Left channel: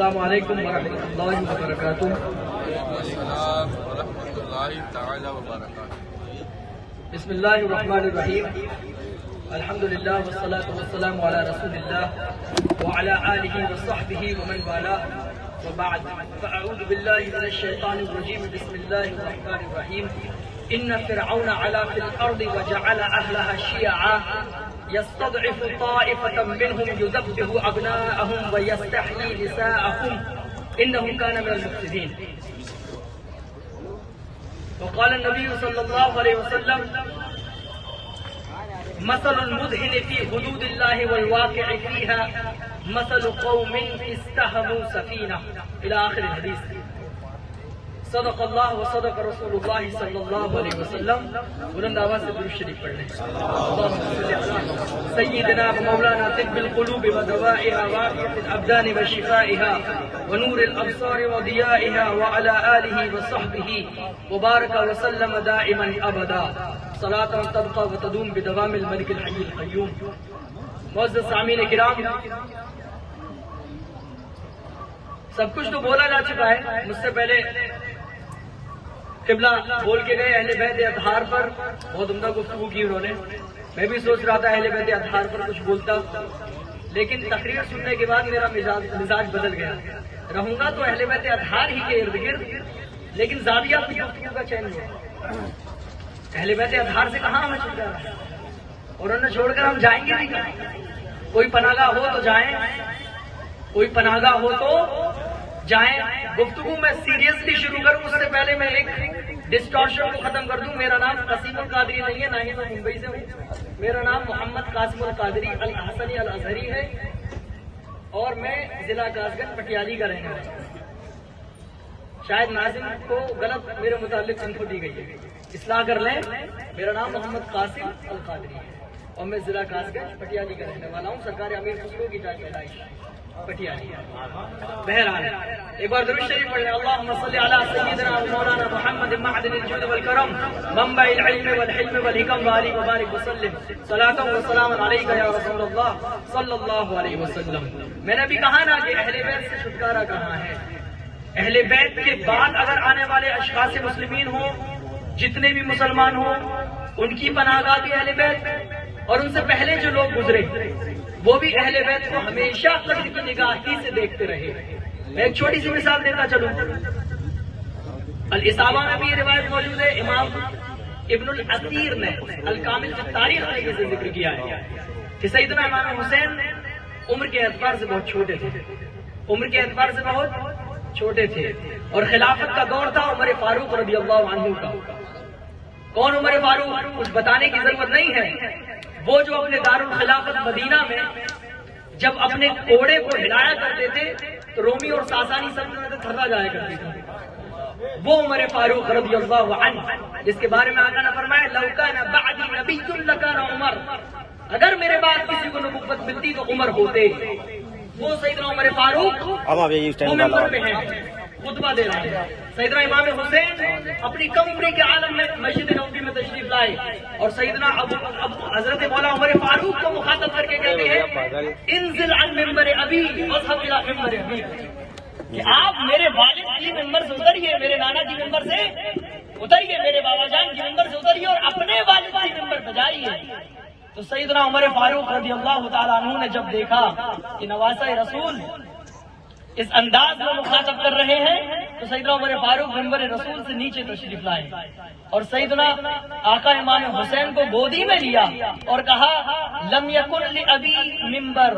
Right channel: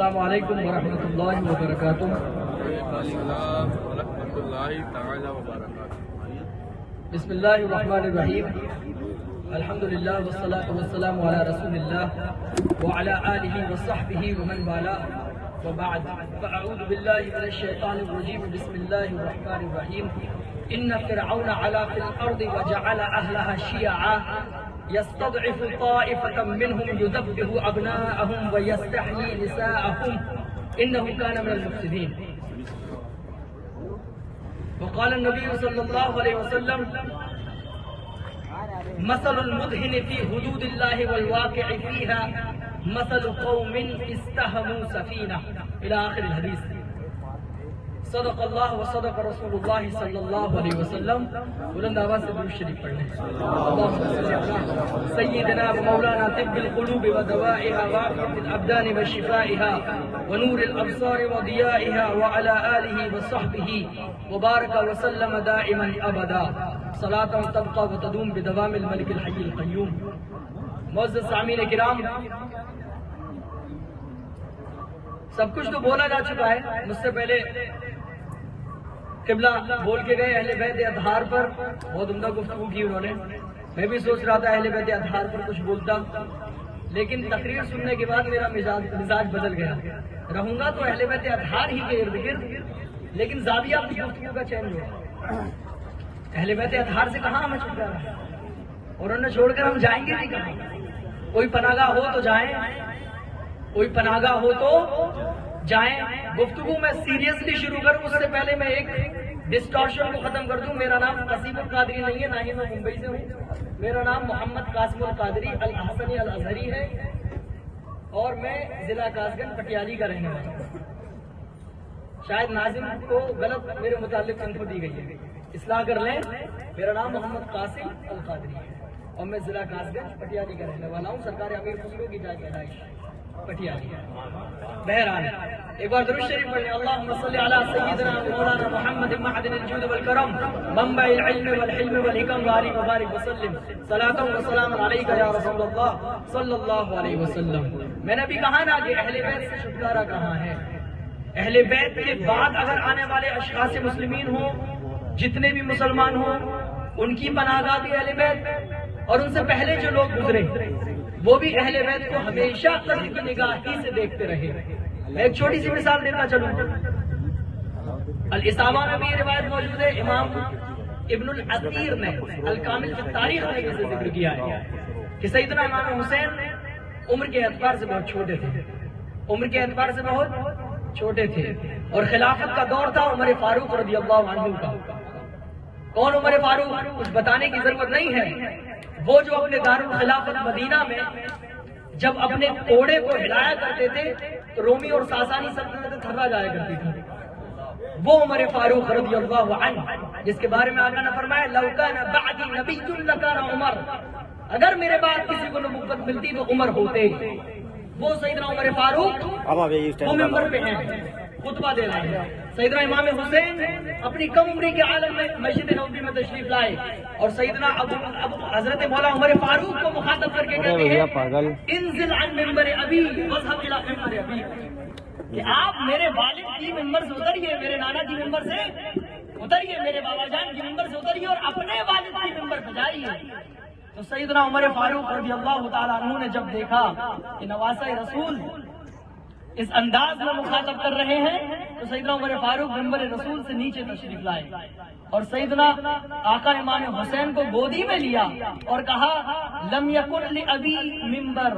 السلام علیکم ورحمۃ اللہ وبرکاتہ۔ بسم اللہ الرحمن الرحیم، الحمد للہ والصلاة والسلام علی رسول اللہ وعلی آلہ وصحبہ ومن والاه وبعد، فاعوذ باللہ من الشیطان الرجیم، بسم اللہ الرحمن الرحیم۔ ان فرعون علا فی الارض وجعل اہلها شیعا يستضعف طائفة منهم يذبح أبناءهم ويستحيي نساءهم إنه كان من المفسدين۔ وقال النبي صلى الله عليه وسلم: مثل المدهن في حدود الله والواقع فيها مثل قوم استهموا سفينة، إلى آخر الحديث۔ صدق اللہ و صدق رسول اللہ صلی اللہ علیہ وسلم۔ بلند آواز سے درود شریف پڑھ لیں۔ سیدنا مولانا طب القلوب ودوائها وعافیة الابدان وشفائها ونور الابصار وضیائها وعلى آلہ وصحبہ وبارک وسلم دائما ابدا، صلاة تبقى وتدوم بدوام الملک الحی القیوم۔ معزز سامعین کرام، سب کچھ تو بولا جا چکا ہے، مجھ سے پہلے قبلہ بول کے گئے اہل بیت اطہار پر، بہت عمدہ گفتگو کی انہوں نے۔ میں بھی سوچ رہا تھا اہل بیت اطہار پر کچھ بولتا، لیکن تقریر سننے کے بعد میرا مزاج بدل گیا۔ رہوں گا تو اہل بیت اطہار ہی کے ارد گرد، لیکن زاویہ گفتگو کا چینج ہوگا۔ اہل بیت اطہار سے کہاں ہمیں چھوڑ جا رہا ہے، اور انہیں چھوڑ کر ہم جائیں گے نہیں کہیں۔ کوئی پناہ گاہ ہو تو جائیں، کوئی پناہ گاہ ہو تو جائیں۔ گفتگو میں سیریسلی شروع کروں اس سے پہلے میں ایک ڈسٹارشن کو ختم کر دوں۔ میرا نام قاسم القادری نہیں ہے، نہ ہی میں ممبئی سے ہوں۔ میرا نام محمد قاسم القادری الحسنی الازہری ہے، اور میں ضلع کاس گنج پٹیالی کا رہنے والا ہوں۔ شاید ناظرین کو غلط میرے متعلق انفو دی گئی ہے، اصلاح کر لیں۔ میرا نام محمد قاسم القادری ہے اور میں ضلع کاس گنج پٹیالی کا رہنے والا ہوں۔ سرکار امیر خسرو کی جا کے رہائش پٹیالی۔ بہرحال ایک بار درود شریف پڑھ لیں۔ اللہم صلی علی سیدنا مولانا محمد معدن الجود والکرم منبع العلم والحلم والحکم وآلہ وبارک وسلم، صلاۃ و سلام علیک یا رسول اللہ صلی اللہ علیہ وسلم۔ میں نے بھی کہا نا کہ اہل بیت سے چھٹکارا کہاں ہے۔ اہل بیت کے بعد اگر آنے والے اشخاص مسلمین ہوں، جتنے بھی مسلمان ہوں، ان کی پناہ گاہ بھی اہل بیت، اور ان سے پہلے جو لوگ گزرے وہ بھی اہل بیت کو ہمیشہ قریب نگاہی سے دیکھتے رہے۔ میں ایک چھوٹی سی مثال دیتا چلوں۔ الاسامہ میں بھی روایت موجود ہے، امام ابن الاثیر نے الکامل کی تاریخ میں اسے ذکر کیا ہے کہ سیدنا امام حسین عمر کے اعتبار سے بہت چھوٹے تھے، عمر کے اعتبار سے بہت چھوٹے تھے، اور خلافت کا دور تھا عمر فاروق رضی اللہ عنہ کا۔ کون عمر فاروق کچھ بتانے کی ضرورت نہیں ہے، وہ جو اپنے دارالخلافت مدینہ میں جب اپنے کوڑے کو ہلایا کرتے تھے تو رومی اور ساسانی سلطنت تھکا جایا کرتی تھی، وہ عمر فاروق رضی اللہ عنہ، جس کے بارے میں آقا نے فرمایا لو کان بعدی نبی لکان عمر، اگر میرے بعد کسی کو نبوت ملتی تو عمر ہوتے۔ وہ سیدنا عمر فاروق وہ ممبر پہ ہیں، خطبہ دے رہے ہیں۔ سیدنا امام حسین اپنی کم عمری کے عالم میں مسجد نبوی میں تشریف لائے، اور سیدنا حضرت مولا عمر فاروق کو مخاطب کر کے کہتے ہیں انزل عن منبر ابی واذهب الى منبر ابی، کہ آپ میرے والد کی منبر سے اتریے، میرے نانا کی منبر سے اتریے، میرے بابا جان کی منبر سے اتریے اور اپنے والد کی منبر پہ جائیے۔ تو سیدنا عمر فاروق رضی اللہ تعالیٰ عنہ نے جب دیکھا کہ نواسہ رسول اس انداز میں مخاطب کر رہے ہیں تو سیدنا عمر فاروق منبر رسول سے نیچے تشریف لائے، اور سیدنا آقا امام حسین کو گودی میں لیا اور کہا لم یکن لابی منبر،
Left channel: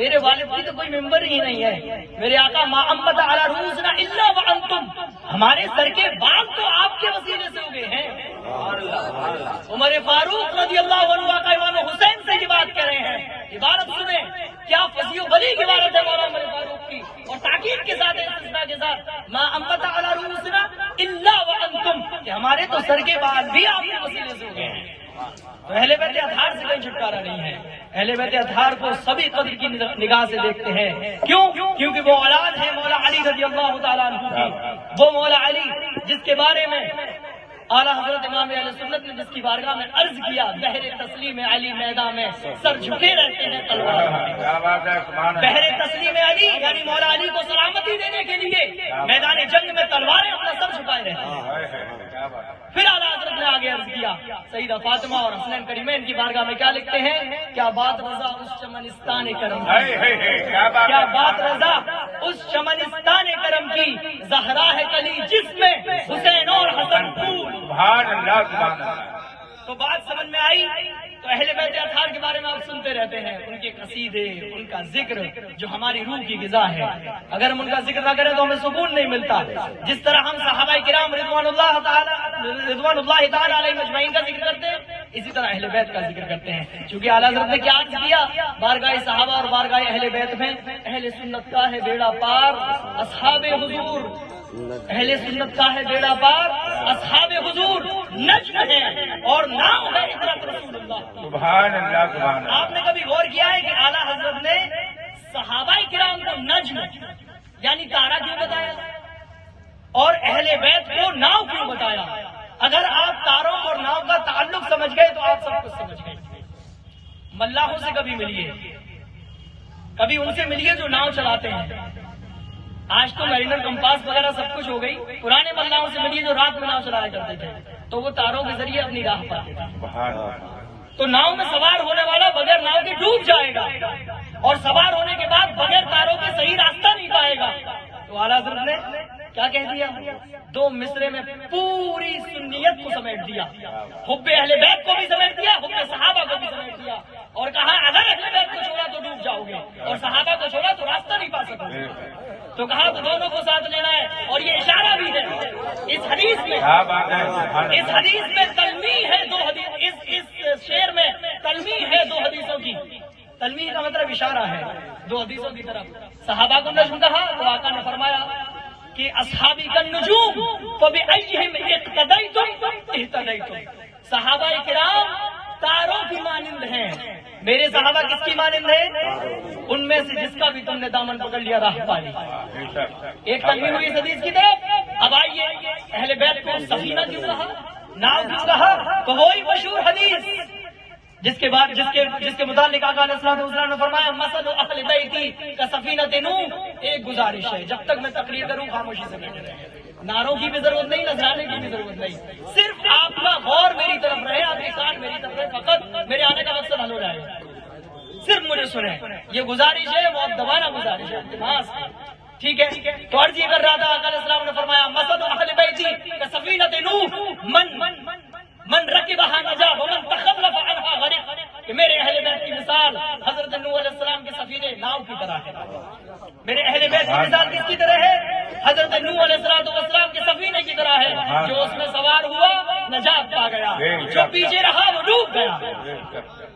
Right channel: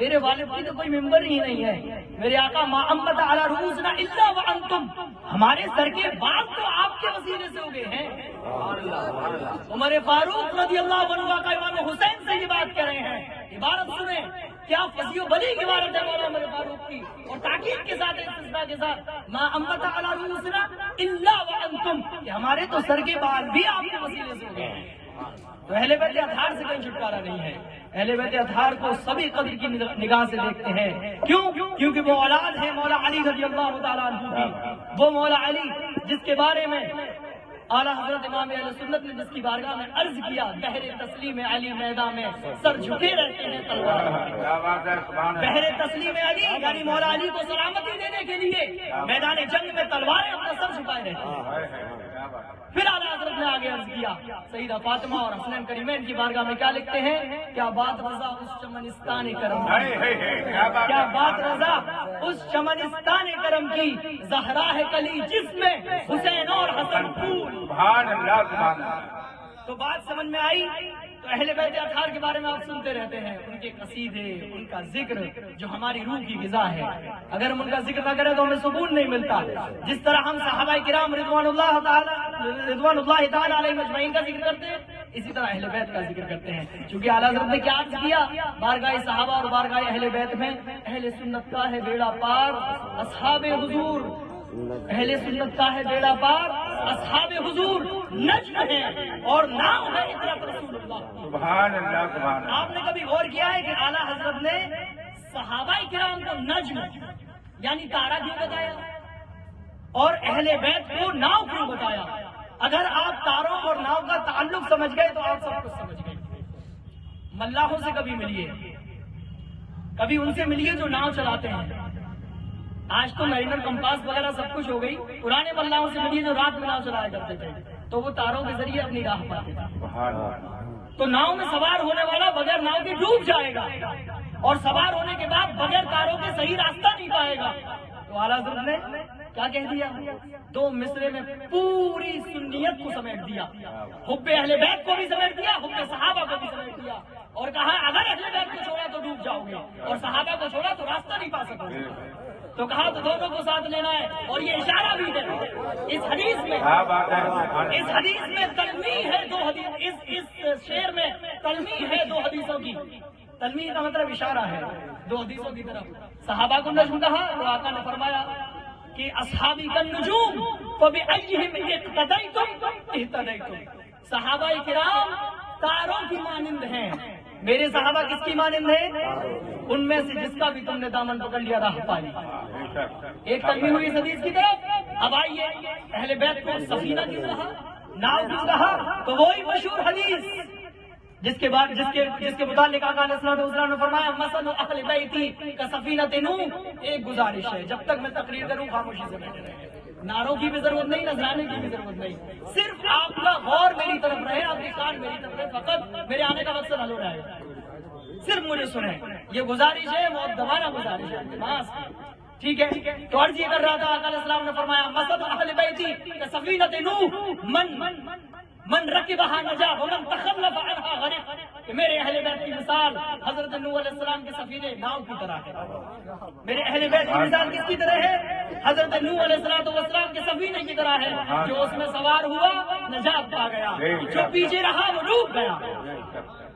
میرے والد کی تو کوئی ممبر ہی نہیں ہے، میرے آقا ما انبت علی رؤوسنا الا وانتم، ہمارے سر کے بال تو آپ کے وسیلے سے ہوئے ہیں۔ عمر فاروق رضی اللہ عنہ آقا امام حسین سے یہ بات کہہ رہے ہیں۔ عبارت سنیں، کیا فصیح و بلی کی عبارت ہے مولا عمر فاروق کی، اور تاکید کے ساتھ استثناء کے ساتھ ما انبت علی رؤوسنا الا وانتم، کہ ہمارے تو سر کے بال بھی آپ کے وسیلے سے ہوئے ہیں۔ تو اہل بیت اطہار سے کوئی چھٹکارا نہیں ہے۔ اہل بیت اطہار کو سبھی قدر کی نگاہ سے دیکھتے ہیں، کیوں؟ کیونکہ وہ اولاد ہے مولا علی رضی اللہ تعالیٰ عنہ کی، وہ مولا علی جس کے بارے میں اعلیٰ حضرت امام اہل سنت نے جس کی بارگاہ میں عرض کیا بحر تسلیم علی میدان میں سر جھکے رہتے ہیں تلوار بحر تسلیم علی یعنی مولا علی کو سلامتی دینے کے لیے میدان جنگ میں تلواریں اپنا سر جھکائے رہتے ہیں۔ پھر اعلیٰ حضرت نے آگے عرض کیا سیدہ فاطمہ اور حسنین کریمین کی بارگاہ میں کیا لکھتے ہیں، کیا بات رضا اس چمنستان کرم کی، کیا بات رضا اس چمنستان کرم کی، زہرا ہے کلی جس میں حسین اور حسن پھول۔ تو بات سمجھ میں آئی؟ تو اہل بیت اطہار کے بارے میں آپ سنتے رہتے ہیں، ان کے قصیدے، ان کا ذکر جو ہماری روح کی غذا ہے، اگر ہم ان کا ذکر نہ کریں تو ہمیں سکون نہیں ملتا۔ جس طرح ہم صحابہ کرام رضوان اللہ تعالی علیہ مجمعین کا ذکر کرتے ہیں، اسی طرح اہل بیت کا ذکر کرتے ہیں، چونکہ اعلیٰ حضرت نے کیا عرض کیا، بارگاہ صحابہ اور بارگاہ اہل بیت میں اہل سنت کا ہے بیڑا پار، اصحاب حضور، اہل سنت کا ہے بیڑا پار، اصحاب حضور نجم ہے اور نام ہے اطراء رسول اللہ۔ سبحان اللہ سبحان اللہ۔ آپ نے کبھی غور کیا ہے کہ اعلیٰ حضرت نے صحابہ کرام کو نجم یعنی تارا کیوں بتایا اور اہل بیت کو ناؤ کیوں بتایا؟ اگر آپ تاروں اور ناؤ کا تعلق سمجھ گئے تو آپ سب کچھ سمجھ گئے۔ ملاحوں سے کبھی ملیے، کبھی ان سے ملیے جو ناؤ چلاتے ہیں۔ آج تو لائنر کمپاس وغیرہ سب کچھ ہو گئی، پرانے ملاحوں سے ملیے جو رات میں ناؤ چلایا کرتے تھے، تو وہ تاروں کے ذریعے اپنی راہ پاتے تھے۔ تو ناؤ میں سوار ہونے والا بغیر ناؤ کے ڈوب جائے گا، اور سوار ہونے کے بعد بغیر تاروں کے صحیح راستہ نہیں پائے گا۔ تو اعلیٰ حضرت نے کیا کہہ دیا؟ دو مصرے میں پوری سنیت کو سمیٹ دیا، حب اہل بیت کو بھی سمیٹ دیا، حب صحابہ کو بھی سمیٹ دیا، اور کہا اگر اہل بیت کو چھوڑا تو ڈوب جاؤ گے اور صحابہ کو چھوڑا تو راستہ نہیں پا سکو گے۔ تو کہا تو دونوں کو ساتھ لینا ہے، اور یہ اشارہ بھی ہے اس حدیث میں، اس حدیث میں تلمیح ہے دو حدیث، اس شعر میں تلمیح ہے دو حدیثوں کی۔ تلمیح کا مطلب اشارہ ہے دو حدیثوں کی طرف۔ صحابہ کو نجم کہا تو آقا نے فرمایا کہ اصحابی کا نجوم فبأیہم اقتدیتم اہتدیتم، صحابہ کرام تاروں کی مانند ہیں، میرے صحابہ کس کی مانند ہیں؟ ان میں سے جس کا بھی تم نے دامن پکڑ لیا راہ پا لی۔ ایک تلمیح ہوئی اس حدیث کی طرف۔ اب آئیے اہل بیت کو سفینہ کیوں کہا، نام کیوں کہا؟ تو وہی مشہور حدیث جس کے بعد جس کے متعلق آقا علیہ الصلوۃ والسلام نے فرمایا مثل اہل بیتی کسفینۃ نوح۔ ایک گزارش ہے، جب تک میں تقریر کروں خاموشی سے بیٹھے رہیں، نعروں کی بھی ضرورت نہیں، نذرانے کی بھی ضرورت نہیں، صرف آپ کا غور میری طرف رہے، آپ کے کان میری طرف رہے، فقط میرے آنے کا مقصد حل ہو جائے گا، صرف مجھے سنیں۔ یہ گزارش ہے، مؤدبانہ گزارش ہے، التماس ہے، ٹھیک ہے؟ تو عرض یہ کر رہا تھا، آقا علیہ السلام نے فرمایا مثل اہل بیتی کسفینۃ نوح من رکبها نجا ومن تخلف عنها غرق، کہ میرے اہل بیت کی مثال حضرت نوح علیہ السلام کے سفینے ناؤ کی طرح ہے۔ میرے اہل بیت کی مثال کس کی طرح ہے؟ حضرت نوح علیہ السلام کے سفینے کی طرح ہے، جو اس میں سوار ہوا نجات پا گیا، جو پیچھے رہا وہ ڈوب گیا۔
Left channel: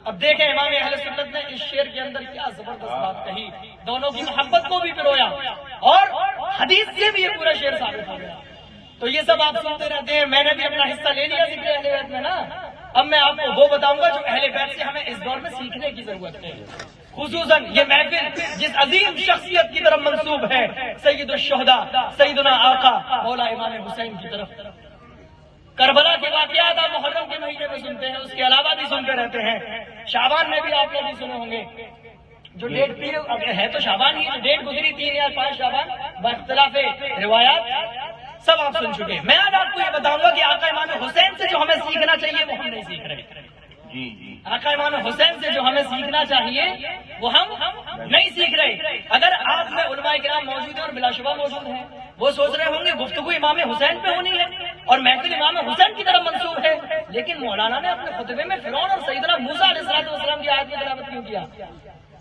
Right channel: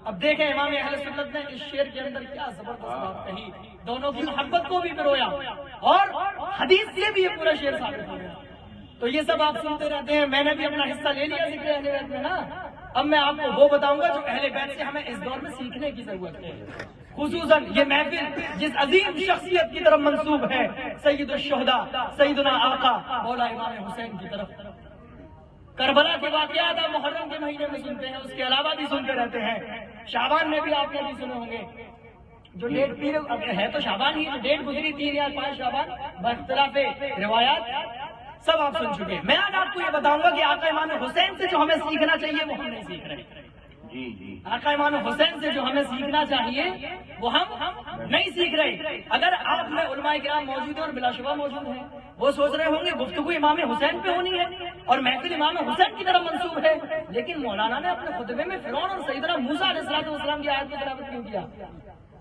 اب دیکھیں امام اہل سنت نے اس شعر کے اندر کیا زبردست بات کہی، دونوں کی محبت کو بھی پرویا اور حدیث سے بھی یہ پورا شعر ثابت ہو گیا۔ تو یہ سب آپ سنتے رہتے ہیں، میں نے بھی اپنا حصہ لے لیا ذکر اہل بیت میں نا۔ اب میں آپ کو وہ بتاؤں گا جو اہل بیت سے ہمیں اس دور میں سیکھنے کی ضرورت ہے، خصوصاً یہ محفل جس عظیم شخصیت کی طرف منسوب ہے، سید الشہداء سیدنا آقا مولا امام حسین کی طرف۔ کربلا کے واقعات آپ محرم کے مہینے میں سنتے ہیں، اس کے علاوہ بھی سنتے رہتے ہیں، شعبان میں بھی آپ نے بھی سنے ہوں گے، جو ڈیٹ پی ہے تو شعبان ہی، جو ڈیٹ گزری 3 یا 5 شعبان باختلاف روایات سب آپ سن چکے۔ میں آج آپ کو یہ بتاؤں گا کہ آقا امام حسین سے جو ہمیں سیکھنا چاہیے وہ ہم نہیں سیکھ رہے۔ آقا امام حسین سے جو ہمیں سیکھنا چاہیے وہ ہم نہیں سیکھ رہے۔ اگر آپ میں علماء کرام موجود ہیں اور بلا شبہ موجود ہیں، وہ سوچ رہے ہوں گے گفتگو امام حسین پہ ہونی ہے اور محفل امام حسین کی طرف منسوب ہے، لیکن مولانا نے اپنے خطبے میں فرعون اور سیدنا موسیٰ علیہ السلام کی آیت کی تلاوت کیوں کیا؟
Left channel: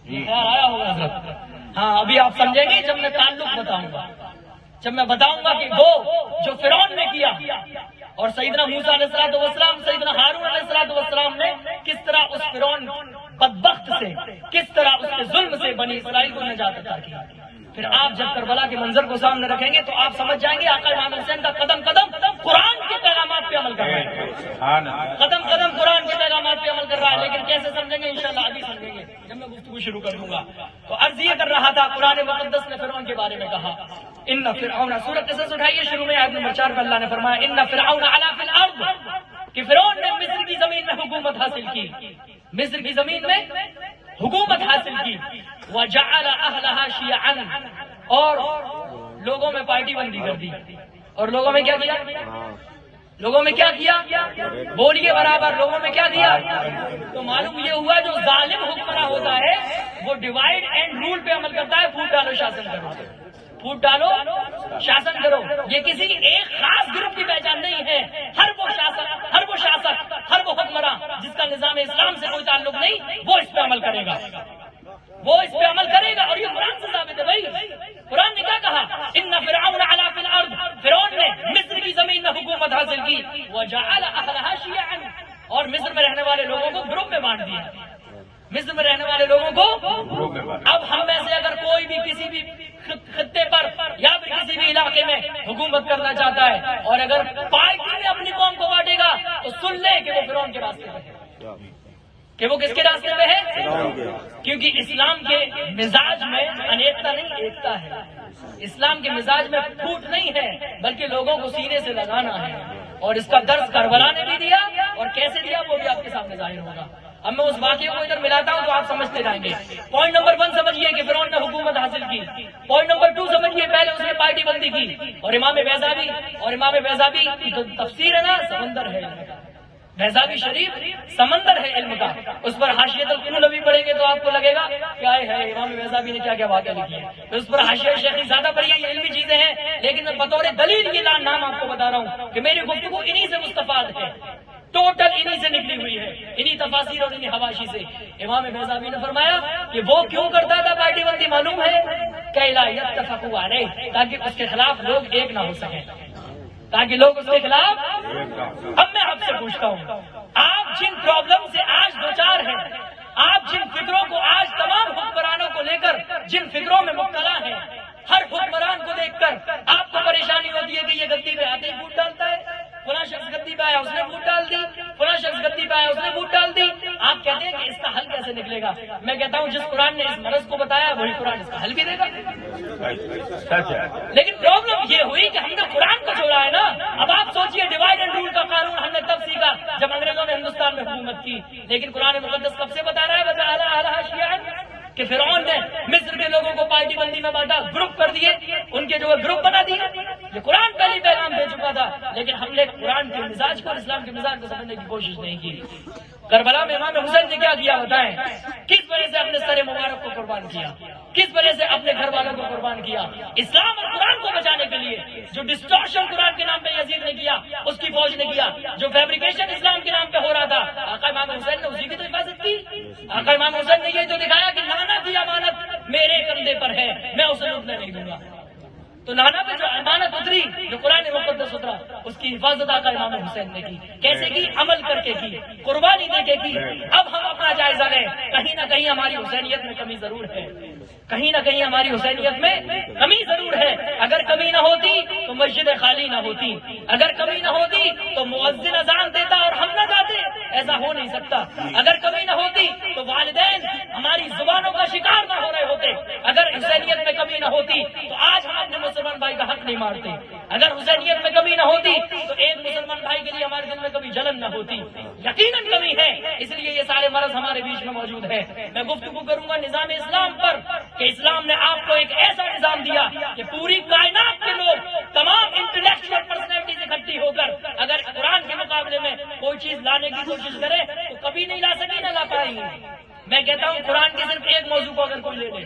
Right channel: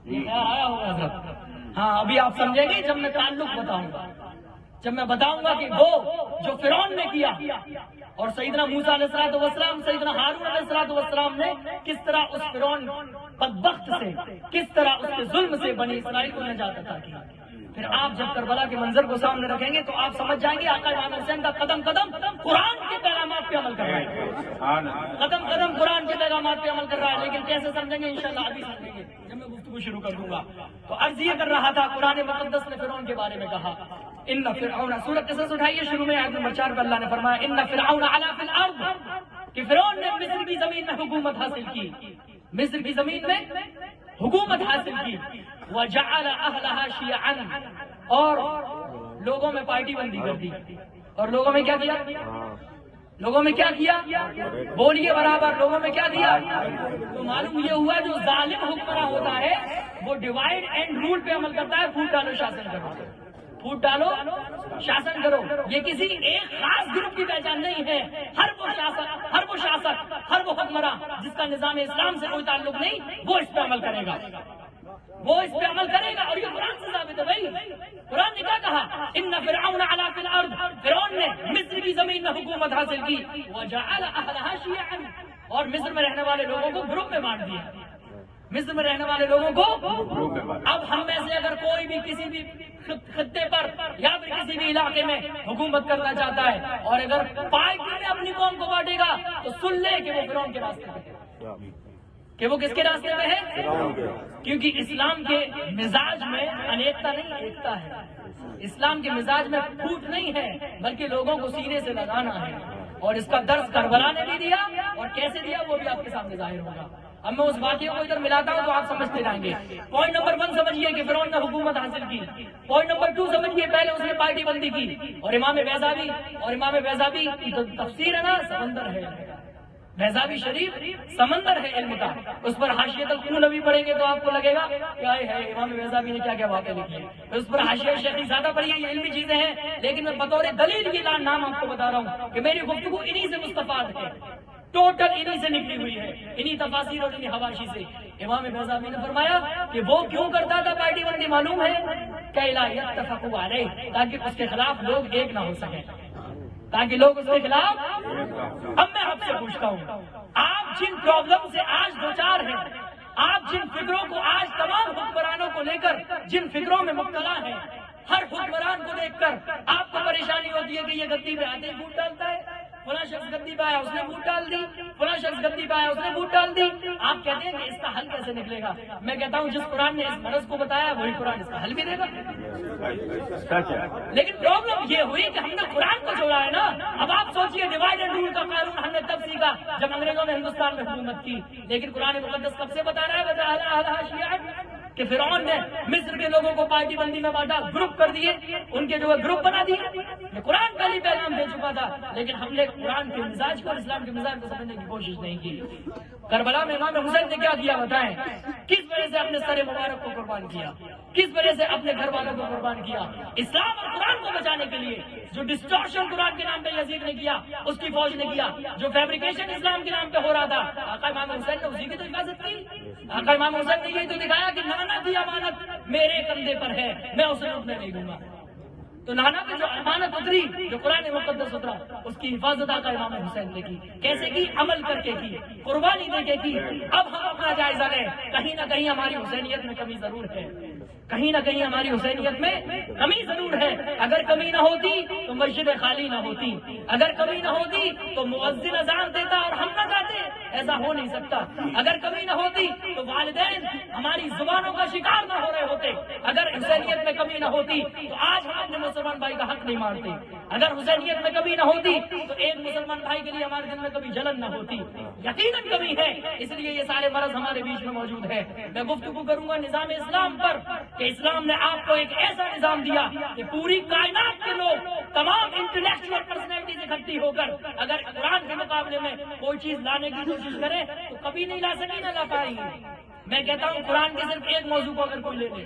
خیال آیا ہوگا حضرت؟ ہاں ابھی آپ سمجھیں گے جب میں تعلق بتاؤں گا، جب میں بتاؤں گا کہ دو جو فرعون نے کیا اور سیدنا موسیٰ علیہ السلام سیدنا ہارون علیہ السلام نے کس طرح اس فرعون بدبخت سے، کس طرح اس کے ظلم سے بنی اسرائیل کو نجات عطا کی۔ پھر آپ جب کربلا کے منظر کو سامنے رکھیں گے تو آپ سمجھ جائیں گے آقا امام حسین کا قدم قدم قرآن کے پیغامات پہ عمل کر رہا ہے، قدم قدم قرآن کے پیغامات پہ عمل کر رہا ہے۔ لیکن کیسے سمجھیں گے انشاءاللہ ابھی سمجھیں گے جب میں گفتگو شروع کر دوں گا۔ تو عرض یہ کر رہا تھا، قرآن مقدس نے فرعون کے بارے میں کہا ان فرعون، سورۃ قصص اٹھائیے، شروع میں آیت نمبر 4 پہ اللہ نے فرمایا ان فرعون علا فی الارض الارض کہ فرعون نے مصر کی زمین میں حکومت حاصل کی، مصر کی زمین میں حکومت حاصل کی، وجعل اهلها شيعا اور لوگوں میں پارٹی بندی کر دی، اور لوگوں میں کیا کیا؟ لوگوں میں کیا کیا؟ بولیے برابر، لوگوں میں کیا دیا؟ تو معلوم یہ ہوا جو ظالم حکمراں ہوتا ہے وہ ڈیوائڈ اینڈ رول پہ عمل کرتا ہے، پھوٹ ڈالو شاسن کرو، پھوٹ ڈالو شاسن کرو۔ یہ کسی ایک خاص گروپ کی پہچان نہیں ہے، ہر وہ شاسک، ہر وہ حکمراں جس کا نظام اسلام سے کوئی تعلق نہیں، وہ اس پہ عمل کرے گا، وہ اس پہ عمل کرے گا۔ اور یہ قرآن سے ثابت ہے بھائی، قرآن نے کیا کہا؟ ان فرعون علا فی الارض، فرعون نے مصر کی زمین میں حکومت حاصل کی، وجعل اهلها شيعا، اور مصر میں رہنے والے لوگوں کو گروپ میں بانٹ دیا، مصر میں رہنے والے لوگوں کو۔ اب ہم میں سے اگر کوئی بھی کسی بھی خطے پر یا پھر کسی بھی علاقے میں حکومت کرنا چاہتا ہے اور اگر پارٹی میں اپنی قوم کو بانٹے گا تو سن لے کہ وہ فرعون کے راستے پہ ہے، کہ وہ کس کے راستے پہ ہے؟ کیونکہ اسلام کے مزاج میں انیکتا نہیں، ایکتا ہے۔ اسلام کے مزاج میں پھوٹ نہیں ہے بلکہ لوگوں کو سینے سے لگانا ہے، اور اس کا درس کربلا نے بھی دیا، اور کیسے دیا وہ بھی آپ کے سامنے ظاہر ہوگا۔ اب میں اس واقعے کو ادھر ملاتا ہوں تو آپ سمجھتے جائیں گے۔ پوائنٹ نمبر 1 سمجھیے کہ فرعون نے حکومت حاصل کی۔ پوائنٹ نمبر 2 سمجھیے پہلے اس نے پارٹی بندی کی، اور امام بیضاوی کی تو تفسیر ہے نا، سمندر ہے، بیضاوی شریف سمندر ہے علم کا، اس پر حاشیۃ القلوی پڑھیں گے تو آپ کو لگے گا کیا ہے امام بیضاوی نے کیا کیا باتیں لکھی ہیں، اس پر حاشیہ شیخی زیادہ پڑھیے، یہ علمی چیزیں ہیں، لیکن میں بطور دلیل یہ نام آپ کو بتا رہا ہوں کہ میری گفتگو انہی سے مستفاد ہے، ٹوٹل انہی سے نکلی ہوئی ہے، انہی تفاسیر اور انہی حواشی سے۔ امام بیضاوی نے فرمایا کہ وہ کیوں کرتا تھا پارٹی بندی، معلوم ہے کہ لا یتفقوا علیہ، تاکہ اس کے خلاف لوگ ایک نہ ہو سکیں، تاکہ لوگ اس کے خلاف۔ اب میں آپ سے پوچھتا ہوں، آپ جن پرابلم سے آج دوچار ہیں، آپ جن فکروں کو آج تمام حکمرانوں کو لے کر جن فکروں میں مبتلا ہیں، ہر حکمران کو دیکھ کر آپ کو پریشانی ہوتی ہے کہ یہ گدی پہ آتے ہی ووٹ ڈالتا ہے، فلاں شخص گدی پہ آیا اس نے ووٹ ڈال دی، فلاں شخص گدی پہ آیا اس نے ووٹ ڈال دی۔ آپ کہتے ہیں کہ اس کا حل کیسے نکلے گا؟ میں کہتا ہوں جس قرآن نے اس مرض کو بتایا وہی قرآن اس کا حل بھی دے گا۔ لیکن پرابلم یہ ہوئی کہ ہم نے قرآن کو چھوڑا ہے نا۔ اب آپ سوچئے ڈیوائڈ اینڈ رول کا قانون ہم نے تب سیکھا جب انگریزوں نے ہندوستان میں حکومت کی، لیکن قرآن مقدس کب سے بتا رہا ہے وجعل اهلها شيعا، کہ فرعون نے مصر کے لوگوں کو پارٹی بندی میں بانٹا، گروپ کر دیے، ان کے جو ہے گروپ بنا دیے۔ یہ قرآن پہلی پیغام دے چکا تھا، لیکن ہم نے قرآن کے مزاج کو، اسلام کے مزاج کو سمجھنے کی کوشش نہیں کی۔ کربلا میں امام حسین نے کیا کیا بتائیں؟ کس وجہ سے اپنے سر مبارک کو قربان کیا، کس وجہ سے اپنے گھر والوں کو قربان کیا؟ اسلام اور قرآن کو بچانے کے لیے۔ جو ڈسٹورشن قرآن کے نام پہ یزید نے کیا اس کی فوج نے کیا، جو فیبریکیشن اسلام کے نام پہ ہو رہا تھا آقا امام حسین نے اسی کی تو حفاظت کی۔ آقا امام حسین نے یہ تو دکھایا کہ نانا کی امانت میرے کندھے پر ہے، میں اسے لوٹنے نہیں دوں گا۔ تو نانا پہ جو امانت اتری، جو قرآن مقدس اترا، اس کی حفاظت آقا امام حسین نے کی۔ کیسے کی؟ عمل کر کے کی، قربانی دے کے کی۔ اب ہم اپنا جائزہ لیں، کہیں نہ کہیں ہماری حسینیت میں کمی ضرور ہے، کہیں نہ کہیں ہماری حسینیت میں کمی ضرور ہے۔ اگر کمی نہ ہوتی تو مسجد خالی نہ ہوتی، اگر کمی نہ ہوتی تو مؤذن اذان دیتا اور ہم نہ گاتے، ایسا ہو نہیں سکتا۔ اگر کمی نہ ہوتی تو والدین ہماری زبانوں کا شکار نہ ہو رہے ہوتے، اگر حسینیت میں کمی نہ ہوتی تو آج ہم اپنے مسلمان بھائی کا حق نہیں مارتے، اگر حسینیت میں کمی نہ ہوتی تو ایک مسلمان بھائی کے لیے ہمارے دل میں کبھی جلن نہ ہوتی۔ یقیناً کمی ہے، اس لیے یہ سارے مرض ہمارے بیچ میں موجود ہے۔ میں گفتگو کروں گا نظام اسلام پر کہ اسلام نے آپ کو ایک ایسا نظام دیا کہ پوری کائنات کے لوگ، تمام انٹلیکچوئل پرسنالٹیز اکٹھی ہو کر اگر قرآن کے مقابلے میں کوئی چیز لانے کی کوشش کرے تو کبھی نہیں لا سکیں، نہ لا پائیں گے۔ میں کہتا ہوں قرآن کے صرف ایک موضوع کو اگر کوئی لے لے۔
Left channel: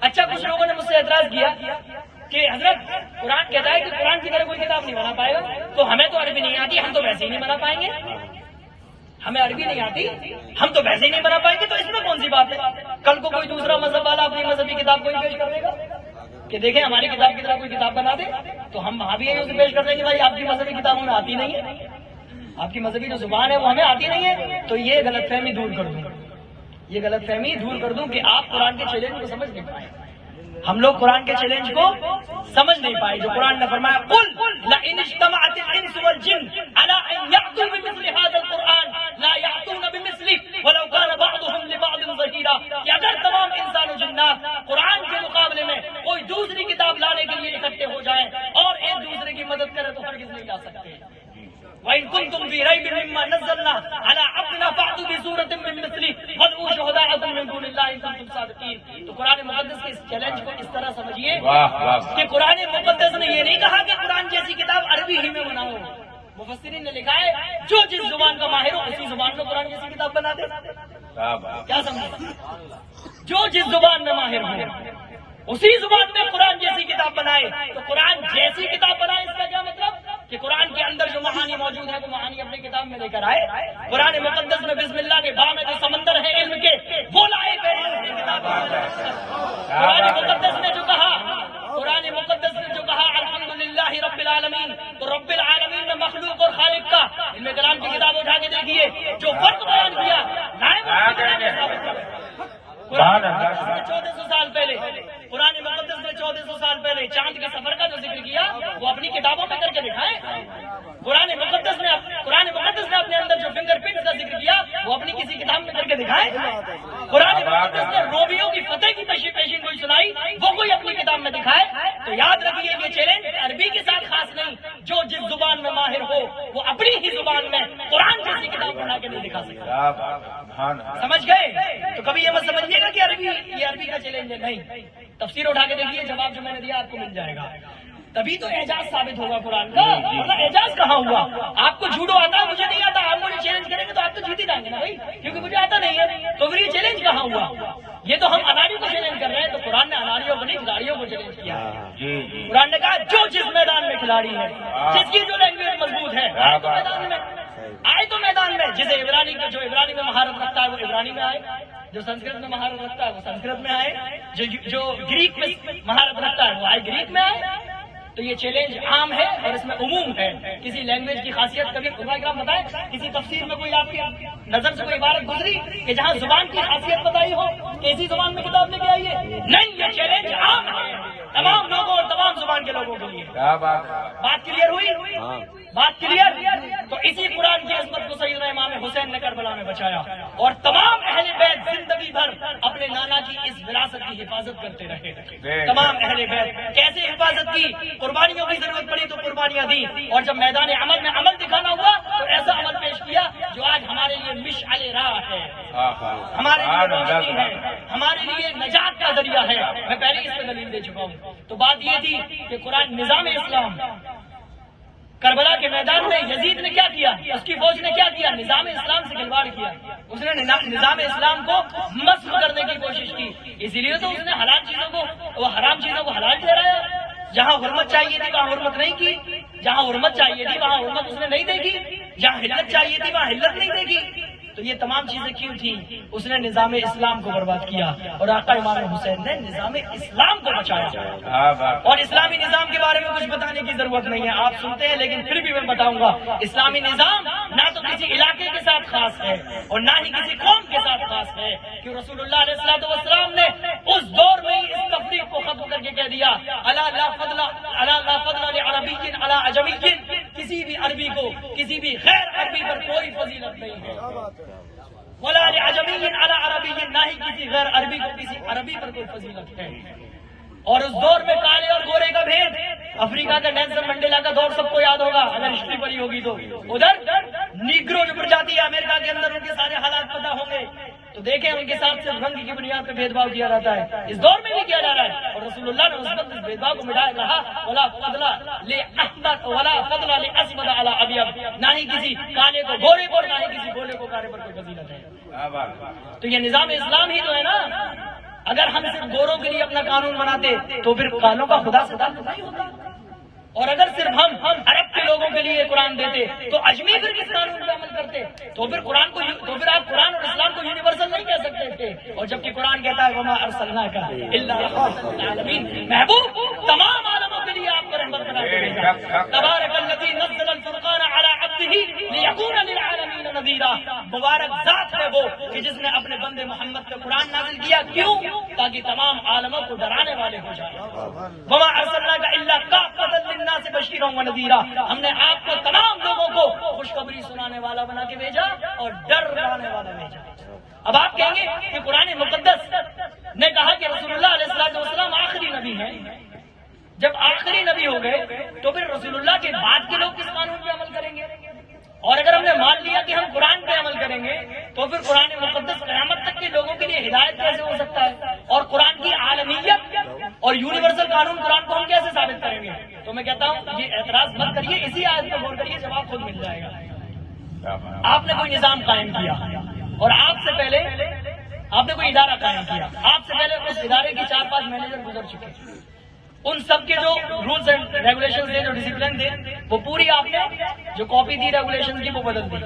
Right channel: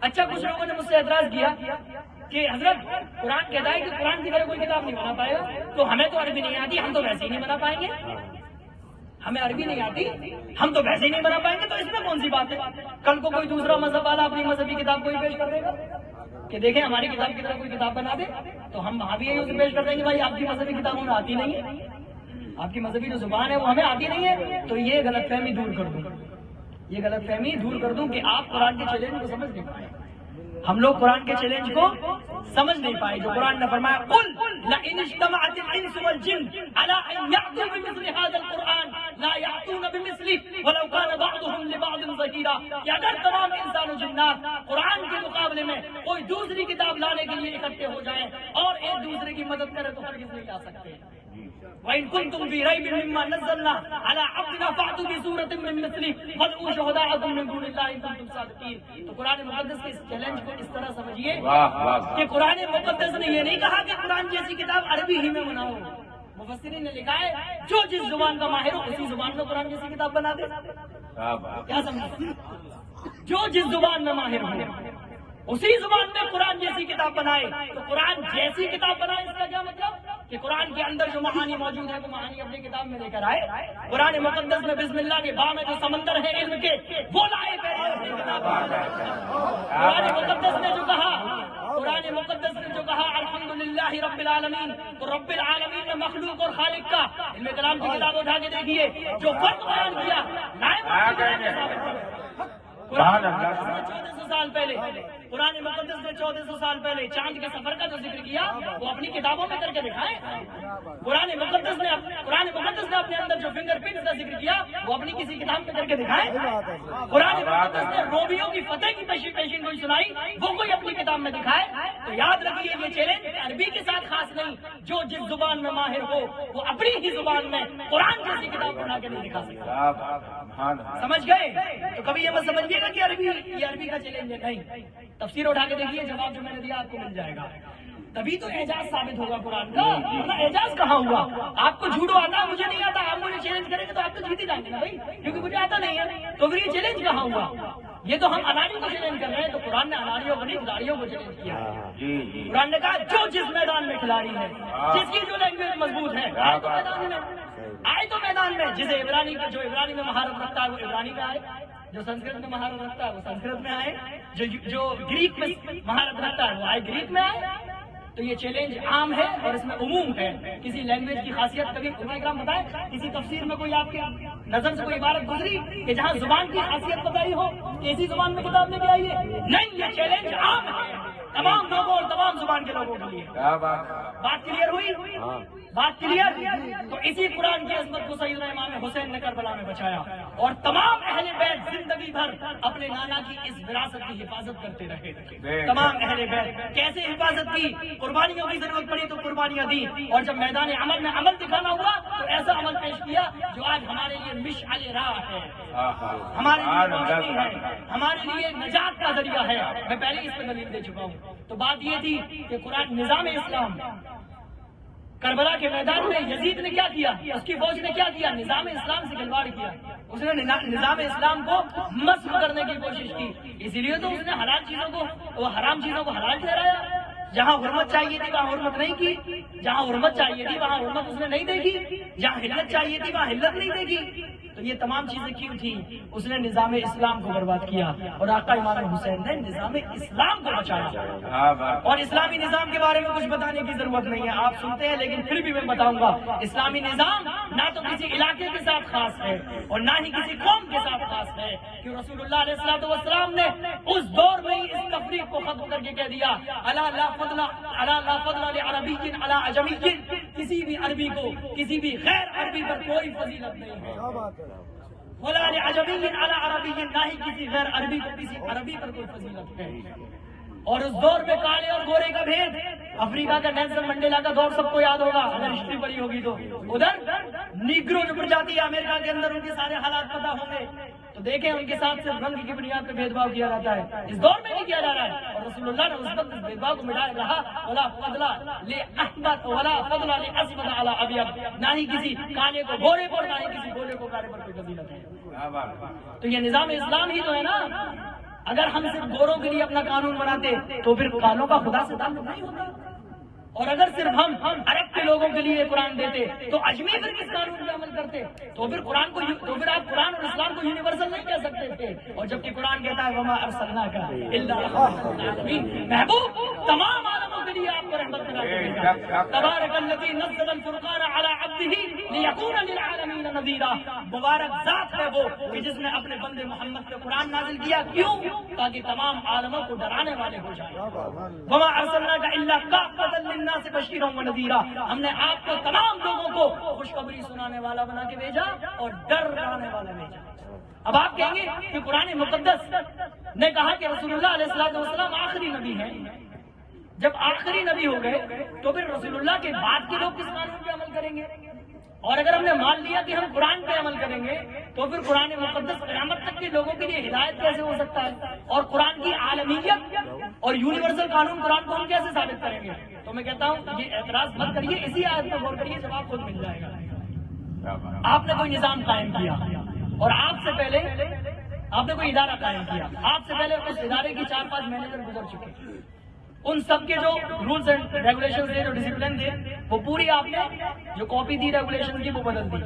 اچھا، کچھ لوگوں نے مجھ سے اعتراض کیا کہ حضرت قرآن کہتا ہے کہ قرآن کی طرح کوئی کتاب نہیں بنا پائے گا، تو ہمیں تو عربی نہیں آتی، ہم تو ویسے ہی نہیں بنا پائیں گے، ہمیں عربی نہیں آتی ہم تو ویسے ہی نہیں بنا پائیں گے، تو اس میں کون سی بات ہے؟ کل کو کوئی دوسرا مذہب والا اپنی مذہبی کتاب کو ہی پیش کر دے گا کہ دیکھیں ہماری کتاب کی طرح کوئی کتاب بنا دے، تو ہم وہاں بھی یہی اسے پیش کر دیں گے بھائی آپ کی مذہبی کتاب ہمیں آتی نہیں ہے، آپ کی مذہبی جو زبان ہے وہ ہمیں آتی نہیں ہے۔ تو یہ غلط فہمی دور کر دوں، یہ غلط فہمی دور کر دوں کہ آپ قرآن کے چیلنج کو سمجھ نہیں پائے۔ ہم لوگ قرآن کے چیلنج کو سمجھ نہیں پائے جو قرآن نے فرمایا قل لئن اجتمعت الانس والجن على ان يأتوا بمثل هذا القرآن لا يأتون بمثله ولو كان بعضهم لبعض ظهيرا، کہ اگر تمام انسان و جنات قرآن کے مقابلے میں کوئی دوسری کتاب لانے کے لیے اکٹھے ہو جائیں اور ایک دوسرے کی مدد کرے تو ہرگز نہیں لا سکتے. وَإِن كُنتُمْ فِي رَيْبٍ مِّمَّا نَزَّلْنَا عَلَىٰ عَبْدِنَا فَأْتُوا بِسُورَةٍ مِّن مِّثْلِهِ وَادْعُوا شُهَدَاءَكُم مِّن دُونِ اللَّهِ إِن كُنتُمْ صَادِقِينَ. تو قرآن مقدس کے اس چیلنج کو اس طرح سمجھیے کہ قرآن مقدس نے یہ نہیں کہا کہ قرآن جیسی کتاب عربی ہی میں بناؤ. مفسرین نے لکھا ہے جو جس زبان کا ماہر ہو اسی زبان میں قرآن جیسی کتاب بنا دے. کیا سمجھے؟ جو جس زبان میں ماہر ہو اسی زبان میں قرآن جیسی کتاب بنائے. تو قرآن جیسی کتاب بنائے اس کا کیا مطلب؟ کہ قرآن کے اندر جو معانی موجود ہے وہ معانی اپنی کتاب میں لے کر آئے. قرآن مقدس میں بسم اللہ کے باغ میں جو سمندر ہے علم کے وہ لائے گئے. قرآن مقدس نے جو کہا الحمدللہ رب العالمین، تو رب العالمین میں مخلوق اور خالق کا علم کلام کی کتاب اٹھا کے دیکھیے جو فرق بیان کیا 1400 سال پہلے. قرآن مقدس نے 1400 سال پہلے چاند کے سفر کا جو ذکر کیا وہ اپنی کتابوں میں کر کے دکھائے. قرآن مقدس نے اپنے اندر جو فنگر پرنٹس کا ذکر کیا وہ اپنی کسی کتاب میں کر کے دکھائے. قرآن مقدس نے رومیوں کی فتح کی پیشین کوئی سنائی وہ کوئی اپنی کتاب میں دکھائے. تو یاد رکھیے یہ چیلنج عربی کے ساتھ خاص نہیں، جو جس زبان میں ماہر ہو وہ اپنی ہی زبان میں قرآن جیسی کتاب بنا کے نہیں دکھا سکتا. سمجھ گئے؟ تو کبھی یہ مت سمجھیے گا کہ عربی کا چیلنج ہے. نہیں، تفسیر اٹھا کے دیکھیے، جواب جو میں نے دیا آپ کو مل جائے گا. تبھی تو اعجاز ثابت ہوگا قرآن کا. مطلب اعجاز کہاں ہوا؟ آپ کو جھوٹو آتا ہے، مجھے نہیں آتا، آپ مجھے چیلنج کریں گے تو آپ تو جیت ہی جائیں گے نا بھائی، کیونکہ مجھے آتا نہیں ہے. تو پھر یہ چیلنج کہاں ہوا؟ یہ تو ہم اناریوں کو چیلنج کر رہے ہیں. تو قرآن نے اناریوں کو نہیں کھلاڑیوں کو چیلنج کیا. قرآن نے کہا جو جس میدان میں کھلاڑی ہے، جس کی جو لینگویج مضبوط ہے، آئے تو میدان میں جسے جو عبرانی میں مہارت رکھتا ہے وہ عبرانی میں آئے، جو سنسکرت میں مہارت رکھتا ہے وہ سنسکرت میں آئے، جو گریک میں مہارت رکھتا ہے وہ آئے گریک میں آئے. تو یہ چیلنج عام ہے اور اس میں عموم ہے. کسی لینگویج کی خاصیت کبھی علماء کرام بتائیں، کسی تفسیر میں کوئی آپ کی نظر سے کوئی عبارت گزری کہ جہاں زبان کی خاصیت بتائی ہو کہ اسی زبان میں کتاب لے کے آئیے؟ نہیں، یہ چیلنج عام ہے تمام لوگوں اور تمام زبان کے لوگوں کے لیے. بات کلیئر ہوئی؟ بات کلیئر؟ تو اسی قرآن کی عظمت کو سیدنا امام حسین نے کربلا میں بچایا اور تمام اہل بیت زندگی بھر اپنے نانا کی اس وراثت کی حفاظت کرتے رہے. تمام اہل بیت کیسے حفاظت کی؟ قربانیوں کی ضرورت پڑی تو قربانیاں دی، اور جب میدان عمل میں عمل دکھانا ہوا تو ایسا عمل پیش کیا جو آج ہمارے لیے مشعل راہ ہے، ہمارے لیے روشنی ہے، ہمارے لیے نجات کا ذریعہ ہے. میں پہلے اس پہ دلیل دے چکا ہوں. تو بات یہ تھی کہ قرآن نظام اسلام کربلا کے میدان میں یزید نے کیا کیا؟ اس کی فوج نے کیا کیا؟ نظام اسلام سے کھلواڑ کیا. اس نے نظام اسلام کو مسخ کرنے کی کوشش کی. اسی لیے تو اس نے حرام چیزوں کو حلال ٹھہرایا. جہاں حرمت چاہیے تھی وہاں حرمت نہیں کی، جہاں حرمت چاہیے تھی وہاں حرمت اس نے نہیں دیکھی، جہاں حلت چاہیے تھی وہاں حلت نہیں دیکھی. تو یہ تمام چیزیں کیوں تھی؟ اس نے نظام اسلام کو برباد کیا اور آقا امام حسین نے نظام اسلام کو بچایا. اور اسلامی نظام کے بارے میں کچھ بتانے کی ضرورت نہیں ہے، آپ سنتے ہیں، لیکن پھر بھی میں بتاؤں گا. اسلامی نظام نہ تو کسی علاقے کے ساتھ خاص ہے اور نہ ہی کسی قوم کے ساتھ خاص ہے. کہ رسول اللہ علیہ السلام نے اس دور میں ہی اس تفریق کو ختم کر کے کہہ دیا الا لا فضل لعربی علی عجمی، کسی بھی عربی کو کسی بھی غیر عربی پر کوئی فضیلت نہیں ہے. ولا لعجمی علی عربی، نہ ہی کسی غیر عربی کو کسی عربی پر کوئی فضیلت ہے. اور اس دور میں کالے اور گورے کا بھید، افریقہ کا نیلسن منڈیلا کا دور سب کو یاد ہوگا اگر ہسٹری پڑھی ہوگی تو. ادھر نیگرو جو جاتی ہے امریکہ کے اندر، ان کے سارے حالات پتہ ہوں گے. تو دیکھیں ان کے ساتھ صرف رنگ کی بنیاد پہ بھید بھاؤ کیا جاتا ہے، اس دور میں بھی کیا جا رہا ہے. اور رسول اللہ نے اس وقت اس بھید بھاؤ کو مٹایا رہا. ولا فضل لاحمر ولا فضل لاسود علی ابیض، نہ ہی کسی کالے کو گورے پر، نہ ہی کسی گورے کو کالے پر کوئی فضیلت ہے. تو یہ نظام اسلام ہی تو ہے نا. اگر ہم صرف گوروں کے لیے اپنا قانون بناتے تو پھر قانون کا خدا سے تعلق نہیں ہوتا. اور اگر صرف ہم عرب کے لوگوں کے لیے قرآن دیتے تو اجمی پھر کس قانون پر عمل کرتے؟ تو پھر آپ قرآن اور اسلام کو یونیورسل نہیں کہہ سکتے تھے. اور جبکہ قرآن کہتا ہے وما ارسلناک الا رحمۃ للعالمین، محبوب تمام عالموں کے لیے آپ کو رحمت بنا کے. تبارک الذی نزل الفرقان علی عبدہ لیکون للعالمین نذیرا، مبارک ذات ہے وہ کہ جس نے اپنے بندے محمد پہ قرآن نازل کیا. کیوں؟ تاکہ تمام عالموں کو ڈرانے والے ہو جائیں. وما ارسلناک الا کافۃ للناس بشیرا ونذیرا، ہم نے آپ کو تمام لوگوں کو خوشخبری سنانے والا بنا کے بھیجا اور ڈر ڈرانے والا بھیجا. اب آپ کہیں گے کہ قرآن مقدس نے کہا کہ رسول اللہ علیہ السلام آخری نبی ہیں، جب آخری نبی ہو گئے تو پھر رسول اللہ کے بعد کے لوگ کس قانون پہ عمل کریں گے؟ اور اگر ہم نے مان لیا کہ ہم قرآن پہ عمل کریں گے تو پھر قرآن مقدس قیامت تک کے لوگوں کے لیے ہدایت کیسے ہو سکتا ہے؟ اور قرآن کی عالمیت اور یونیورسل قانون قرآن کو ہم کیسے ثابت کریں گے؟ تو میں کہتا ہوں یہ اعتراض مت کریے، اسی آیت پر غور کریے، جواب خود مل جائے گا۔ آپ نے کوئی نظام قائم کیا اور آپ سے پہلے آپ نے کوئی ادارہ قائم کیا، آپ سے پہلے اس ادارے کی 4-5 مینیجر گزر چکے، ان سب کے جو رولز اینڈ ریگولیشن تھے، جو ڈسپلن تھے، وہ پوری آپ نے جو کاپی دی ریگولیشن کی وہ بدل دی،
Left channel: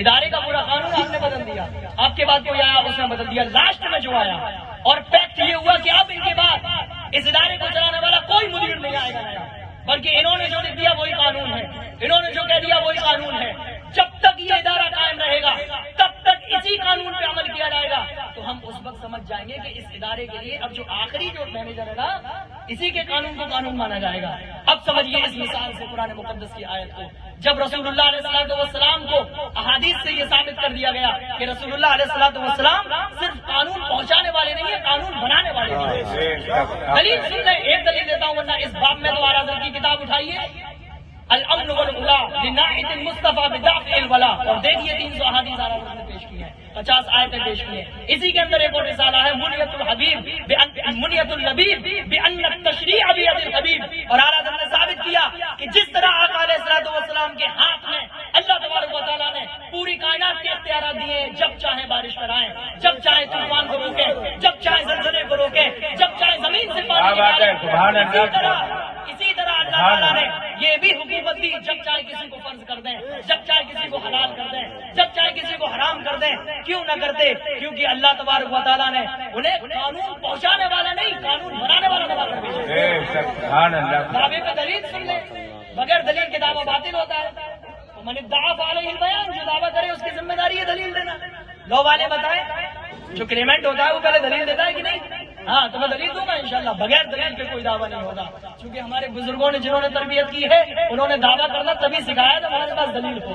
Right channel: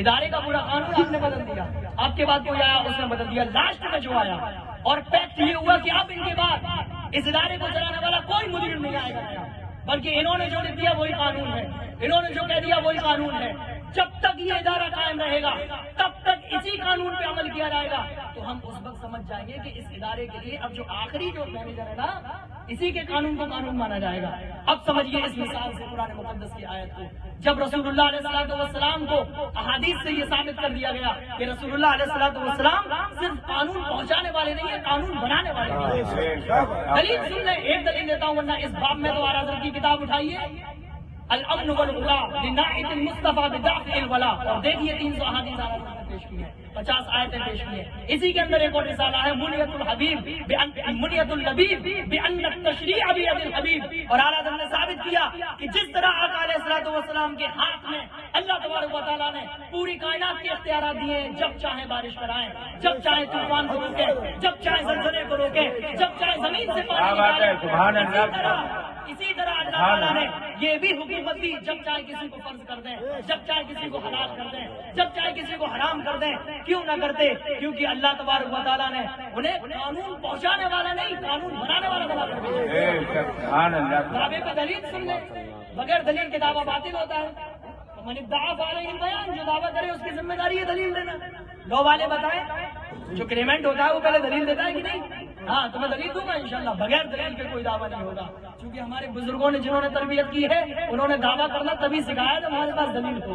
ادارے کا پورا قانون آپ نے بدل دیا، آپ کے بعد کوئی آیا اس نے بدل دیا، لاسٹ میں جو آیا اور پیکٹ یہ ہوا کہ اب ان کے بعد اس ادارے کو چلانے والا کوئی مدیر نہیں آئے گا، بلکہ انہوں نے جو لکھ دیا وہی قانون ہے، انہوں نے جو کہہ دیا وہی قانون ہے۔ جب تک یہ ادارہ قائم رہے گا تب تک اسی قانون پہ عمل کیا جائے گا، تو ہم اس وقت سمجھ جائیں گے کہ اس ادارے کے لیے اب جو آخری جو مینیجر ہے نا اسی کے قانون کو قانون مانا جائے گا۔ اب سمجھیے اس مثال سے قرآن مقدس کی آیت کو، جب رسول اللہ علیہ السلام کو احادیث سے یہ ثابت کر دیا گیا کہ رسول اللہ علیہ السلام صرف قانون پہنچانے والے نہیں ہیں، قانون بنانے والے بھی ہیں۔ دلیل سن لیں، ایک دلیل دیتا ہوں ورنہ اس باب میں دوبارہ ذکر کی کتاب اٹھائیے، الامن والولا لناعت المصطفى بدافع الولا، اور دیکھیے 300 احادیث نے پیش کی ہے، 50 آیتیں پیش کی ہیں، اسی کے اندر ایک اور رسالہ ہے منیت الحبیب منیت النبیب بان التشریع بید الحبیب، اور اعلیٰ حضرت نے ثابت کیا کہ جس طرح آقا علیہ الصلوۃ والسلام کے ہاتھ میں اللہ تبارک و تعالیٰ نے پوری کائنات کے اختیارات دیے، جب چاہے بارش کرائیں، جب چاہے طوفان کو روکیں، جب چاہے زلزلے کو روکیں، جب چاہے زمین سے پانی نکالیں، اسی طرح اللہ تعالیٰ نے یہ بھی حکومت دی، جب چاہے کسی کو فرض کر دیں، جب چاہے کسی کو حلال کر دیں، جب چاہے کسی کو حرام کر دیں، کیوں نہ کرتے؟ کیونکہ اللہ تبارک و تعالیٰ نے انہیں قانون پہنچانے والا نہیں، قانون بنانے والا بنا کر بھیجا۔ دعوے پہ دلیل سن لیں، بغیر دلیل کے دعویٰ باطل ہوتا ہے۔ من ادعا فعلیہ البیان، جو دعویٰ کرے اس کی ذمہ داری ہے دلیل دینا۔ لو والے بتائیں، جو کریمنٹ ہوتا ہے وہ پہلے دلیل دیتا ہے کہ نہیں؟ ہاں تو میں دلیل دوں گا انشاءاللہ، بغیر دلیل کے کوئی دعویٰ نہیں ہوگا، کیونکہ ہمارے بزرگوں نے جنہوں نے تربیت کی ہے انہوں نے دعویٰ کرنا تبھی سکھایا تھا ہمارے پاس دلیل ہو،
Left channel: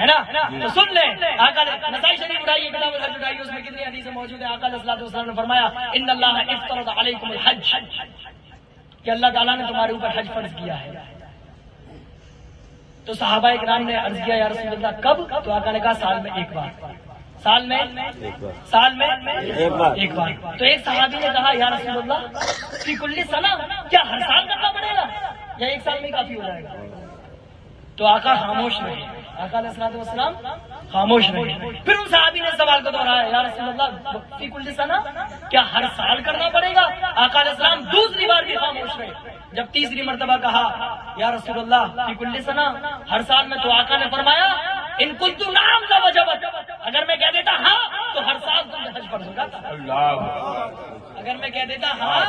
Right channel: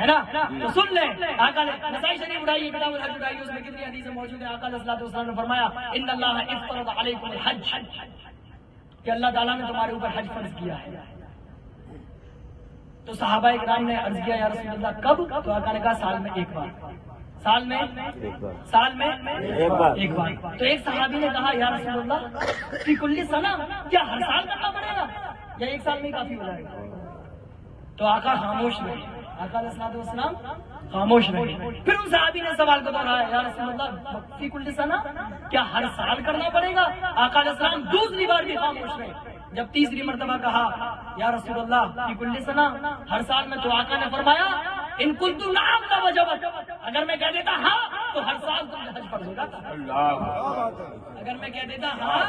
ہے نا؟ تو سن لیں، آقا نے نسائی شریف اٹھائیے، کتاب اٹھائیے، اس میں کتنی حدیثیں موجود ہیں۔ آقا علیہ الصلوۃ والسلام نے فرمایا ان اللہ افترض علیکم الحج، کہ اللہ تعالیٰ نے تمہارے اوپر حج فرض کیا ہے۔ تو صحابہ کرام نے عرض کیا یا رسول اللہ کب؟ تو آقا نے کہا سال میں ایک بار، سال میں ایک بار۔ تو ایک صحابی نے کہا یا رسول اللہ فی کل سنہ، کیا ہر سال کرنا پڑے گا یا ایک سال میں کافی ہو جائے گا؟ تو آقا خاموش رہے، آقا علیہ الصلوۃ والسلام خاموش رہے۔ پھر ان صحابی نے سوال کو دہرایا یا رسول اللہ فی کل سنہ، کیا ہر سال کرنا پڑے گا؟ آقا علیہ السلام دوسری بار بھی خاموش رہے۔ جب تیسری مرتبہ کہا یا رسول اللہ فی کل سنہ، ہر سال میں، تو آقا نے فرمایا ان قلت نعم لوجبت، اگر میں کہہ دیتا ہاں تو ہر سال تم پہ حج فرض ہو جاتا، اگر میں کہہ دیتا ہاں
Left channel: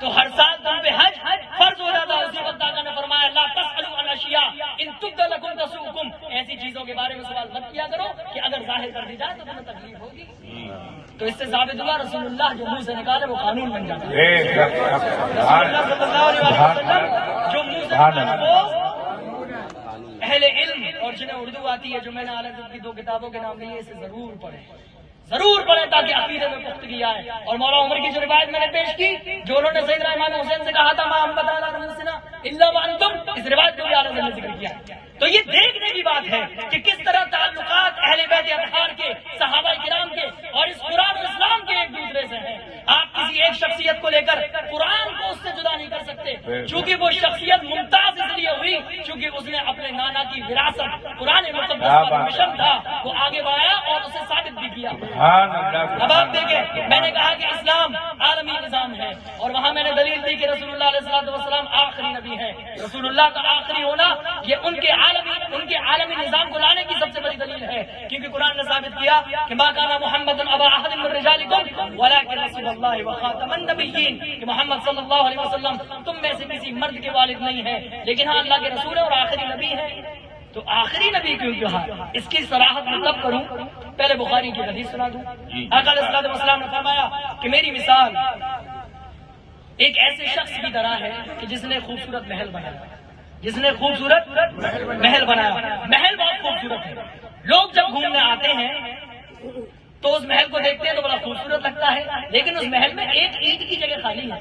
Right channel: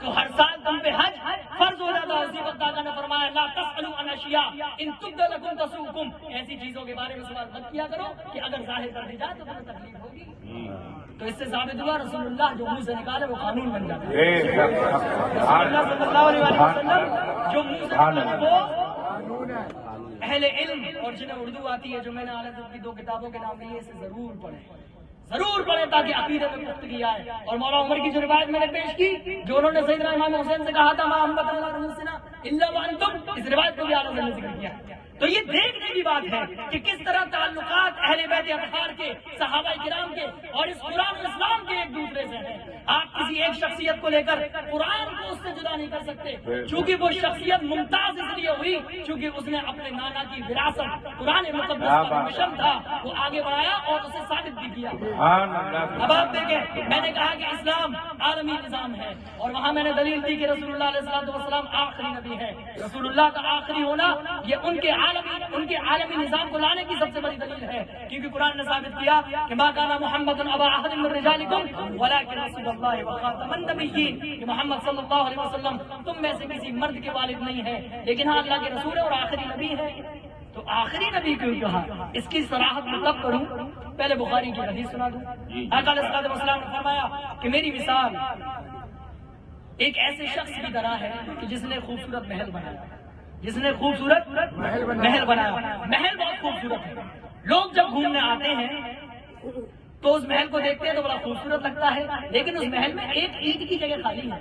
تو ہر سال تم پہ حج فرض ہو جاتا۔ اسی وقت آقا نے فرمایا لا تسألوا عن اشیاء ان تبد لکم تسؤکم، ایسی چیزوں کے بارے میں سوال مت کیا کرو کہ اگر ظاہر کر دی جائے تو تمہیں تکلیف ہوگی۔ تو اس سے ثابت ہوا رسول اللہ جو منہ سے نکالے وہ قانون بن جاتا ہے، جو منہ سے نکالے وہ اہل علم اور جنہیں اردو آتی ہے، جو میں نے اعلیٰ کی 2 کتابوں کے نام لیے، اسے ضرور پڑھیں تاکہ عقیدے میں پختگی آئے۔ اور مولا عمر کی جو روایت میں نے پیش کی، جو انہوں نے سیدنا امام حسین سے کہا تھا ما احمد علی رؤوسنا الا وانتم، اس روایت کو بھی اعلیٰ نے ذکر کیا۔ تو یہ دیکھنے کی بات ہے کہ کس طرح تعلقات اہل بیت اطہار کے، صحابہ کرام کے اور اس قرآن و اسلام کے ایک دوسرے سے ہیں۔ آپ کسی ایک شخصیت کو لے کر قرآن کو اس سے جدا نہیں کر سکتے، چونکہ وہ شخصیت ممتاز اس لیے ہوئی چونکہ اس نے اپنے نانا کی وراثت قرآن مقدس کا مشن تھا وہ آگے بڑھایا اور اسے ثابت بھی کیا۔ اب آپ دیکھیں، میں نے کہا کہ اسلام عالمی نظام ہے اور وہاں میں نے دلیل دی کہ رسول اللہ علیہ الصلوۃ والسلام آخری نبی ہے۔ رسول اللہ کا آخری ہونا یہ ان کے عالمی نظام کو لانے کی سب سے بڑی دلیل ہے، کیونکہ قرآن نے ثابت کیا کہ ما کان محمد ابا احد من رجالکم ولکن رسول اللہ وخاتم النبیین، کہ محمد صلی اللہ علیہ وسلم تم میں سے کسی مرد کے والد نہیں ہے لیکن ہاں اللہ کے رسول اور آخری نبی ہے۔ تو آخری نبی کیوں کہا؟ اس کی صراحت میں کب کروں؟ پہلے بخاری کی حدیث سنا دوں۔ آقا علیہ الصلوۃ والسلام نے فرمایا کہ میری مثال ایک ایسے شخص کی طرح ہے کہ جس نے خوبصورت محل بنایا، محل بہت خوبصورت ہے، لوگ جب گھومنے آتے ہیں تو اس محل کو دیکھتے ہیں تو بڑا خوبصورت لگتا ہے، لیکن اس محل میں ایک اینٹ کی جگہ خالی ہے۔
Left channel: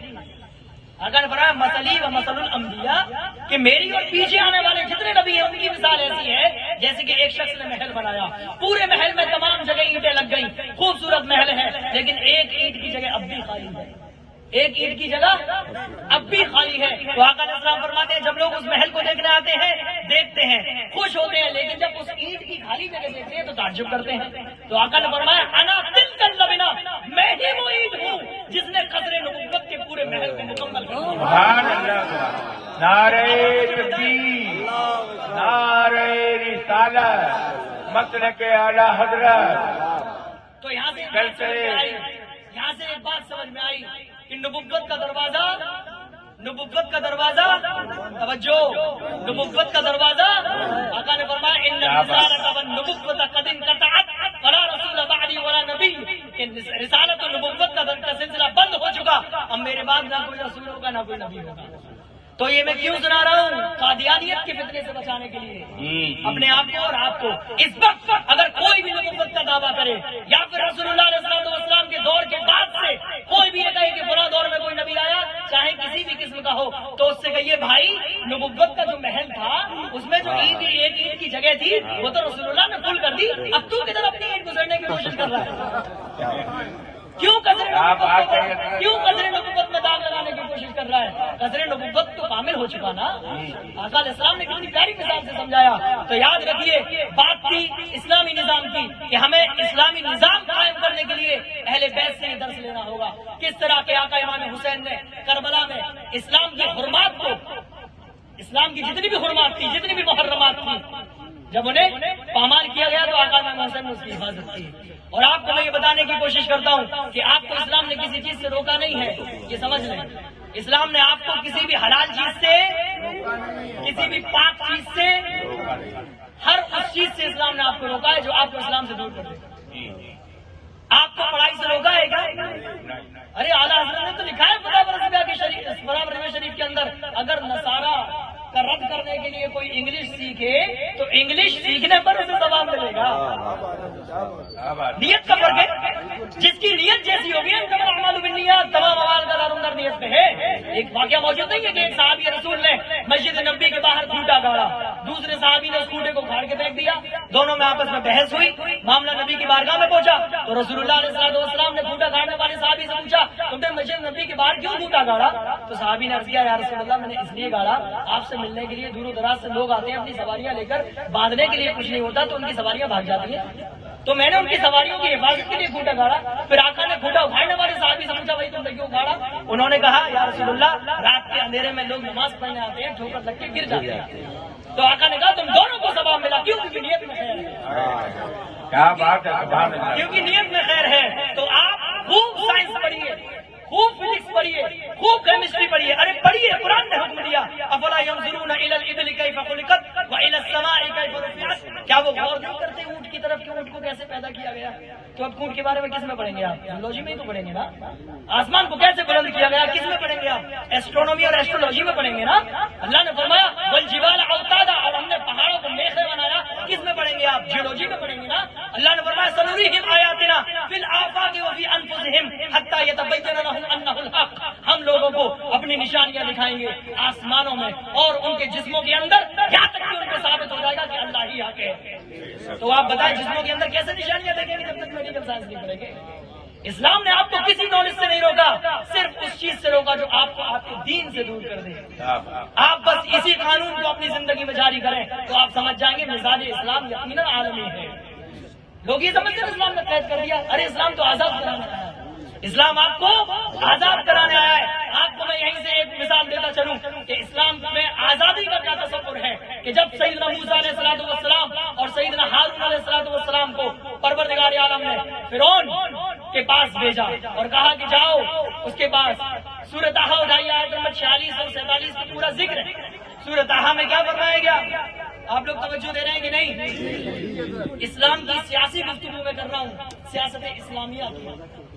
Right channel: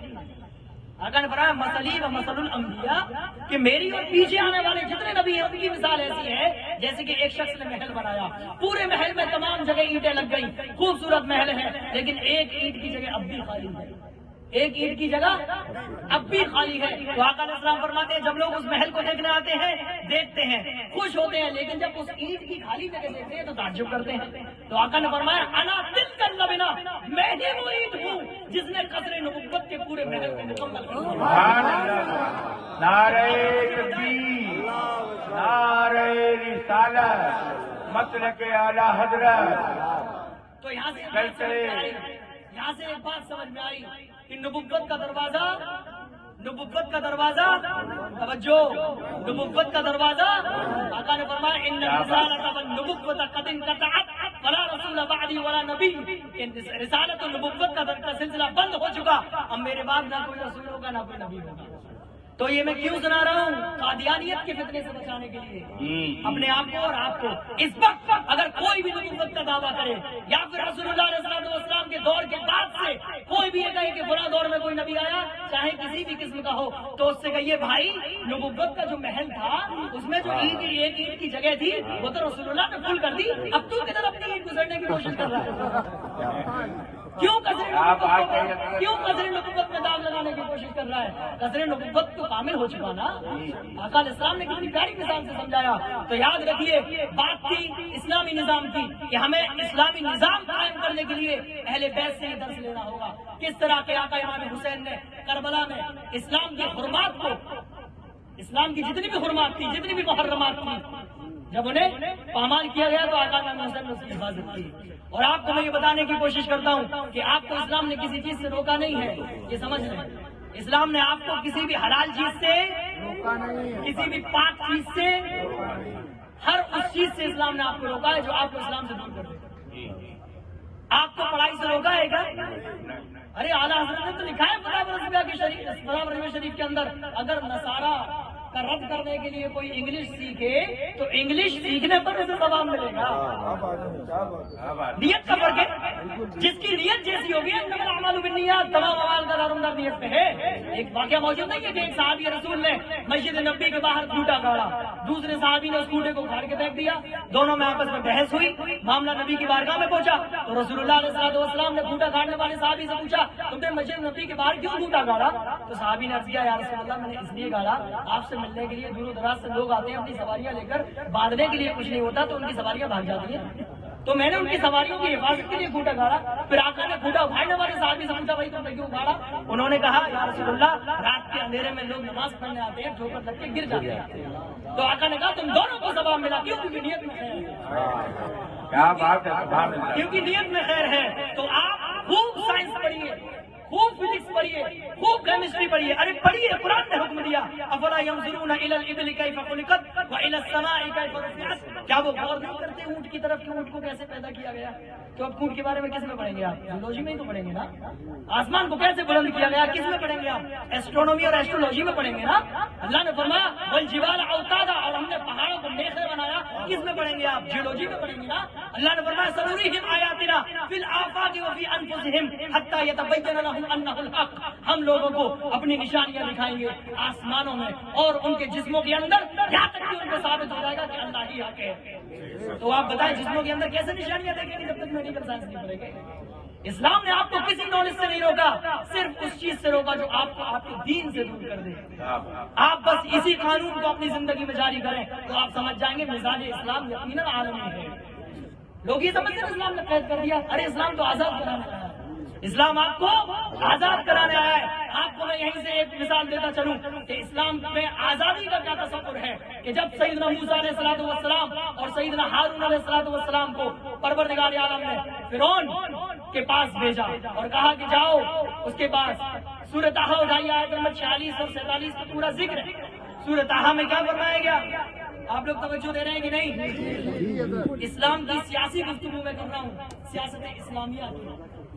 آقا نے فرمایا مثلی و مثل الانبیاء کہ میری اور پیچھے آنے والے جتنے نبی ہیں ان کی مثال ایسی ہے جیسے کہ ایک شخص نے محل بنایا، پورے محل میں تمام جگہ اینٹیں لگ گئی، خوبصورت محل ہے، لیکن ایک اینٹ کی جگہ اب بھی خالی ہے، ایک اینٹ کی جگہ اب بھی خالی ہے۔ تو آقا علیہ السلام فرماتے ہیں جب لوگ اس محل کو دیکھنے آتے ہیں دیکھتے ہیں خوش ہوتے ہیں، لیکن جب اس اینٹ کی خالی جگہ دیکھتے ہیں تو تعجب کرتے ہیں۔ تو آقا نے فرمایا انا تلک اللبنہ، میں ہی وہ اینٹ ہوں جس نے قصر نبوت کے پورے محل کو مکمل کر دیا۔ سبحان اللہ، نعرہ تکبیر، نعرہ رسالت، مسلک اعلی حضرت۔ تو یہاں سے ایک بات سمجھ میں آئی کہ نبوت کا دروازہ توجہ، نبوت کا دروازہ آقا نے فرمایا ان الرسالۃ والنبوۃ قد انقطعت فلا رسول بعدی ولا نبی، رسالت و نبوت کا سلسلہ بند ہو چکا، اب میرے بعد نہ کوئی رسول ہوگا نہ کوئی نبی ہوگا۔ تو یہ میں کیوں سنا رہا ہوں؟ قادیانیت کے فتنے سے بچانے کے لیے اپنے آپ کو اور آپ کو۔ اس وقت اگر کوئی بھی نبوت کا دعویٰ کرے یا پھر رسول اللہ علیہ السلام کے دور کے بعد سے کوئی بھی یہ کہے کہ فلاں دور میں کوئی نبی آیا چاہے کسی بھی قسم کا ہو، تو اس سے کہیے بھائی نبوت کا جو محل تھا اس میں جو ایک اینٹ کی جگہ تھی وہ تو رسول اللہ نے فل کر دی، اب تو کدھر اپنی اینٹ گزرنے کی کوشش کر رہا ہے؟ کیوں قصر نبوت میں داغ لگانے کی کوشش کر رہا ہے؟ قصر نبوت تو کامل ہو چکا نا۔ آقا علیہ السلام نے کتنی پیاری مثال سے سمجھایا۔ تو یاد رکھیے بات تھی اسلامی نظام کی کہ ہمیں اسلامی نظام قائم کرنے کے لیے اہل بیت سے درس لینا ہوگا، کس طرح کے آقا امام حسین نے کربلا میں اسلام کی حرمات کو، اسلام کی جتنی بھی حرمات تھی، جتنی بھی محرمات تھی، جب انہیں پامال کیا گیا تو آقا امام حسین نے اس کی حفاظت کی۔ اور آپ کو میں یہ بتانے کی کوشش کرتا ہوں کہ آپ کو اسلام نے کسی چیز سے روکا نہیں ہے، یہ سمجھ لیں۔ اسلام نے آپ کو کسی بھی حلال چیز سے، کسی بھی پاک چیز سے، ہر اس چیز سے اسلام نے آپ کو روکا ہے جو آپ کو اسلام سے دور کر دے۔ آپ کو پڑھائی سے روکا ہے کیا؟ ارے اعلیٰ حضرت نے تو لکھا ہے فتح رضویہ شریف کے اندر اگر نصارہ کا رد کرنے کے لیے کوئی انگلش سیکھے تو انگلش سیکھنے پر اسے ثواب ملے گا۔ نیت کا فرق ہے، جس کی نیت جیسی ہوگی تمام اعمال کا اندر نیت میں ہے۔ ایک واقعہ موجود نہیں ہے کہ ایک صحابی رسول نے مسجد نبی کے باہر کھوٹا گاڑا، دوسرے صحابی نے اس کھوٹے کو اکھاڑ کے پھینک دیا، دونوں میں آپس میں بحث ہوئی، معاملہ نبی کی بارگاہ میں پہنچا تو رسول اللہ علیہ السلام نے کھوٹا گاڑنے والے صحابی سے پوچھا تم نے مسجد نبی کے باہر کیوں کھوٹا گاڑا؟ تو صحابی نے عرض کیا یا رسول اللہ میں نے اس لیے گاڑا آپ سے ملنے کے لیے دور و دراز سے لوگ آتے ہیں اپنی سواریاں لے کر، باندھنے کے لیے کچھ نہیں ہوتا تو ان کی سواریاں بھاگ جاتی ہیں، تو میں نے ان کی سواریوں کی حفاظت کے لیے کھوٹا گاڑا۔ پھر آقا نے کھوٹا اٹھانے والے صحابی سے پوچھا بھائی تم نے کیوں اٹھاڑا؟ انہوں نے کہا یا رسول اللہ رات کے اندھیرے میں لوگ نماز پڑھنے آتے ہیں ٹھوکر لگ کے گر جاتے ہیں، تو آقا نے کہا تم دونوں کو ثواب ملا، کیوں؟ کیونکہ نیت میں خیر ہے۔ کیا بات ہے، سبحان اللہ۔ کیونکہ نیت میں خیر ہے تو آپ خوب سائنس پڑھیے، خوب فزکس پڑھیے، خوب کیمسٹری پڑھیے، ارے پڑھیے، قرآن نے حکم دیا افلا ينظرون الى الابل كيف خلقت والى السماء كيف رفعت، کیا وہ غور نہیں کرتے اونٹ کی طرف کہ اونٹ کو کیسے پیدا کیا گیا؟ تو اب اونٹ کے بارے میں کس میں پڑھیں گے آپ؟ زولوجی میں ہی تو پڑھیں گے نا۔ آسمان کو کیسے بلند کیا گیا کس میں پڑھیں گے آپ؟ ایسٹرونومی اور ایسٹرولوجی میں پڑھیں گے نا۔ اللہ نے فرمایا والجبال اوتادا، اور ہم نے پہاڑوں کو میخیں بنایا، کس میں پڑھیں گے آپ؟ جیولوجی میں پڑھیں گے نا۔ اللہ نے فرمایا سنریہم آیاتنا فی الآفاق وفی انفسہم حتی یتبین لہم انہ الحق، ہم لوگوں کو اپنی نشانیاں دکھائیں گے آسمانوں میں اور ان کے جسموں کے اندر، یہاں تک کہ ان کو ثابت ہو جائے گا کہ اللہ ہی آگے ہے۔ تو آپ بتائیں جسموں کے اندر کیسے نشانیاں دیکھیں گے جب تک میڈیکل سائنس نہیں کریں گے؟ اسلام نے آپ کو کسی نالج سے نہیں روکا، صرف اس چیز سے روکا جو آپ کو آپ کے دین سے دور کر دے۔ آپ بس اسی قانون کو اپنی زندگی میں جاری کریں تو آپ سمجھ جائیں گے مزاج اسلام یقیناً عالمی ہے۔ لوگ یہ سمجھتے ہیں اسلام نے قید کر دیا، ارے اسلام تو آزاد کرانے آیا ہے، اسلام آپ کو آزاد کرانے آیا ہے۔ آپ کو میں یہیں سے ایک مثال دیتا چلوں کہ اسلام میں آزادی کا کیا تصور ہے کہ جب سیدنا موسیٰ علیہ السلام اور سیدنا ہارون علیہ السلام کو پروردگار عالم نے فرعون کے پاس بھیجا اور کہا کہ جاؤ اس کے پاس، سورۃ طٰہٰ اٹھائیے آیت نمبر 46 اور 47 کا پورا ذکر ہے۔ سورۃ طٰہٰ میں کیا فرمایا گیا؟ آپ لوگ توجہ دے رہے ہیں کہ نہیں؟ اسلام کی سیاسی گفتگو میں کر رہا ہوں، سیاست اسلامیہ کی،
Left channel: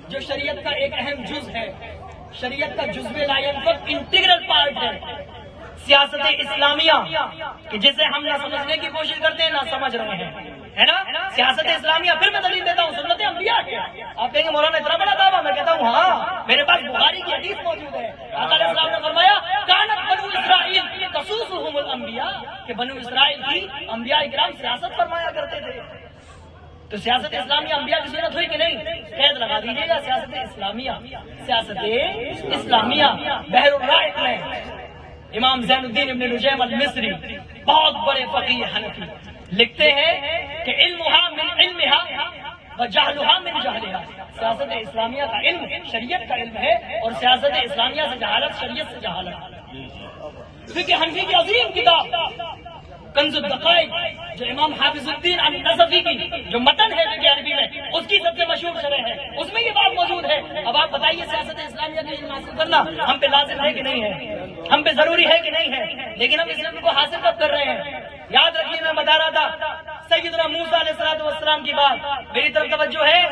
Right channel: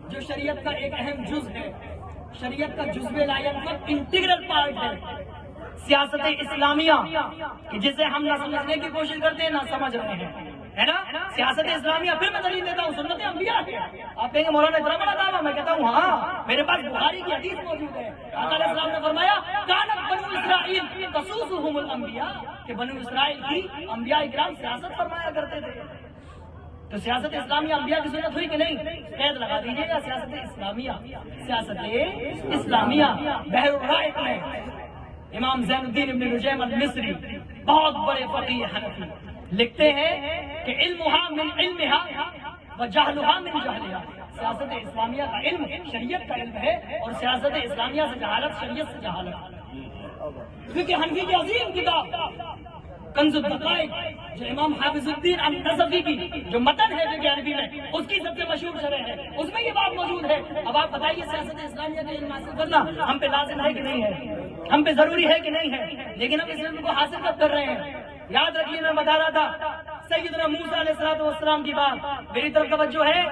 جو شریعت کا ایک اہم جز ہے، شریعت کا جزو لا ینفک انٹیگرل پارٹ ہے۔ سیاست اسلامیہ کہ جسے ہم نہ سمجھنے کی کوشش کرتے ہیں نہ سمجھ رہے ہیں، ہے نا؟ سیاست اسلامیہ. پھر میں دلیل دیتا ہوں سنت انبیاء کے. آپ کہیں گے مولانا اتنا بڑا دعویٰ، میں کہتا ہوں ہاں میرے پاس بخاری کی حدیث موجود ہے. آقا علیہ السلام نے فرمایا کانت بنو اسرائیل تسوسهم الانبیاء کہ بنو اسرائیل کی انبیاء کرام سیاست فرمایا کرتے تھے. تو سیاست اسلامیہ انبیاء کی صورت ہوئی کہ نہیں؟ قید لگا دیجیے گا سیاست اسلامیہ. سیاست اسلامیہ بحر الرائق میں امام زین الدین ابن نجیم المصری بہت بڑے فقیہ حنفی لکھتے ہیں کہ علمها من علمها وجہلها من جہلها. سیاست اسلامیہ کا علم شریعت کا علم ہے اور سیاست اسلامیہ سے جہالت شریعت سے جہالت. فقہ حنفی کی عظیم کتاب کنز الدقائق جو امام حافظ الدین النصفی کی جو متن ہے فقہ حنفی میں اس کی سب سے مشہور شرح ہے، اس میں یہ بات موجود ہے. اب آپ بتائیے سیاست اسلامیہ کا علم حاصل کرنا ہم پہ لازم ہے کہ نہیں ہے؟ ہم پہ ضروری ہے کہ نہیں ہے؟ لیکن ہم اس علم کو حاصل کب کر رہے ہیں؟ یاد رکھیے میں بتا رہا تھا سیدنا موسیٰ علیہ الصلوۃ والسلام کی بات. میری طرف توجہ ہے؟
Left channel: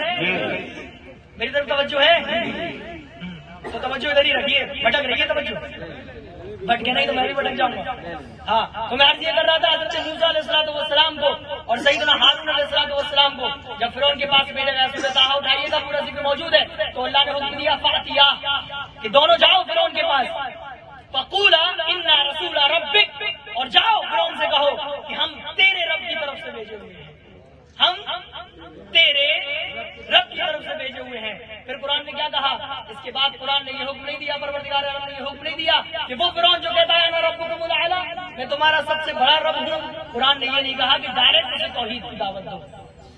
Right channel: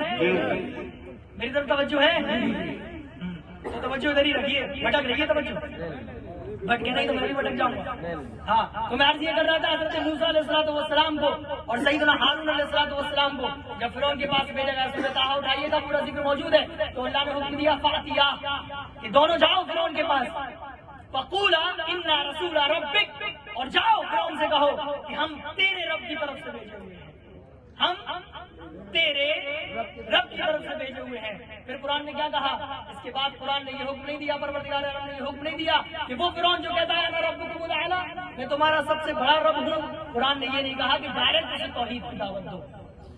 میری طرف توجہ ہے؟ تو توجہ ادھر ہی رکھیے، بھٹک رہی ہے توجہ. بٹ کے نہیں تو میں بھی بھٹک جاؤں گا. ہاں تو میں عرض یہ کر رہا تھا حضرت موسیٰ علیہ الصلوۃ والسلام کو اور سیدنا ہارون علیہ الصلوۃ والسلام کو جب فرعون کے پاس بھیجا گیا، سورۃ طٰہٰ اٹھائیے گا پورا ذکر موجود ہے. تو اللہ نے حکم دیا فاتیا کہ دونوں جاؤ فرعون کے پاس فقولا انا رسول ربک، اور جاؤ فرعون سے کہو کہ ہم تیرے رب کی طرف سے بھیجے ہوئے ہیں، ہم تیرے رب کی طرف سے بھیجے ہوئے ہیں. پھر قرآن نے کیا کہا؟ اس کے بعد قرآن نے یہ حکم نہیں دیا، پروردگار عالم نے یہ حکم نہیں دیا کہ وہ فرعون جو کہتا ہے انا ربکم الاعلی میں تمہارا سب سے بڑا رب ہوں. قرآن نے یہ نہیں کہا کہ ڈائریکٹ اسے توحید کی دعوت دو.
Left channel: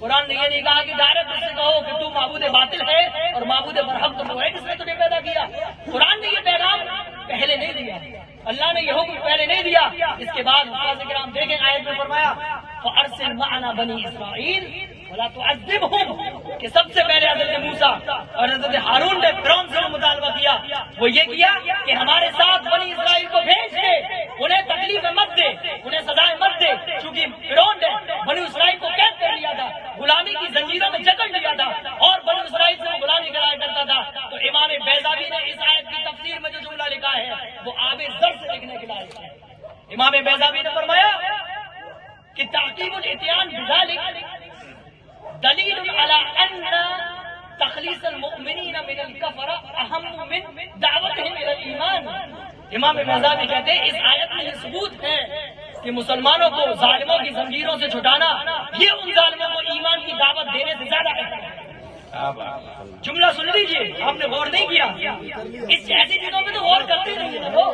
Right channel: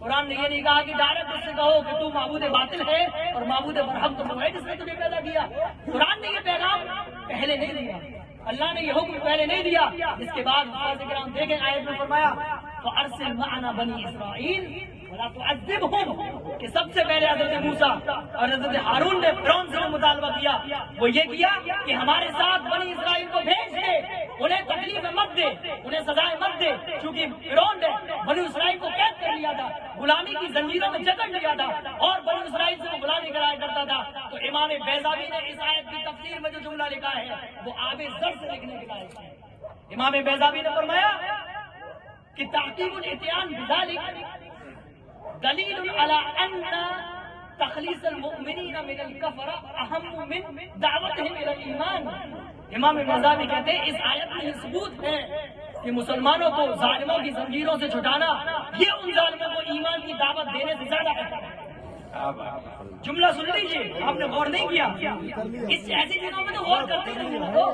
قرآن نے یہ نہیں کہا کہ ڈائریکٹ اسے کہو کہ تو معبود باطل ہے اور معبود برحق تو وہ ہے جس نے تمہیں پیدا کیا. قرآن نے یہ پیغام پہلے نہیں دیا، اللہ نے یہ حکم پہلے نہیں دیا. اس کے بعد حضرات کرام دیکھیں آیت میں فرمایا فَأَرْسِلْ مَعَنَا بَنِي إِسْرَائِيلَ وَلَا تُعَذِّبْهُمْ کہ سب سے پہلے حضرت موسیٰ اور حضرت ہارون نے فرعون سے مطالبہ کیا. وہ یہ کیا کہ ہمارے ساتھ بنی اسرائیل کو بھیج دے، انہیں تکلیف مت دے، انہیں سزائیں مت دے، چونکہ فرعون نے بنی اسرائیل کو قید کر لیا تھا، غلامی کی زنجیروں میں جکڑ لیا تھا اور بنی اسرائیل سے غلامی کرایا کرتا تھا. تو امام بیضاوی نے اس آیت کی تفسیر میں جو جملہ لکھا ہے وہ آب زر سے لکھنے کے لائق ہے. امام بیضاوی نے فرمایا کہ تحقیق الاتیان بذلك دلیل علی ان تخلیص المؤمنین من الکفر اہم من دعوتهم الى الایمان. امام بیضاوی کہتے ہیں اس آیت میں یہ ثبوت ہے کہ مسلمانوں کو ظالموں کی زنجیروں سے چھڑانا یہ ان ظالموں کو ایمان کی دعوت دینے سے زیادہ ہے. جملہ سن لیجئے، آپ نے غور نہیں کیا اس ایسی چیزوں پہ تو غور کرتے نہیں ہیں وہ.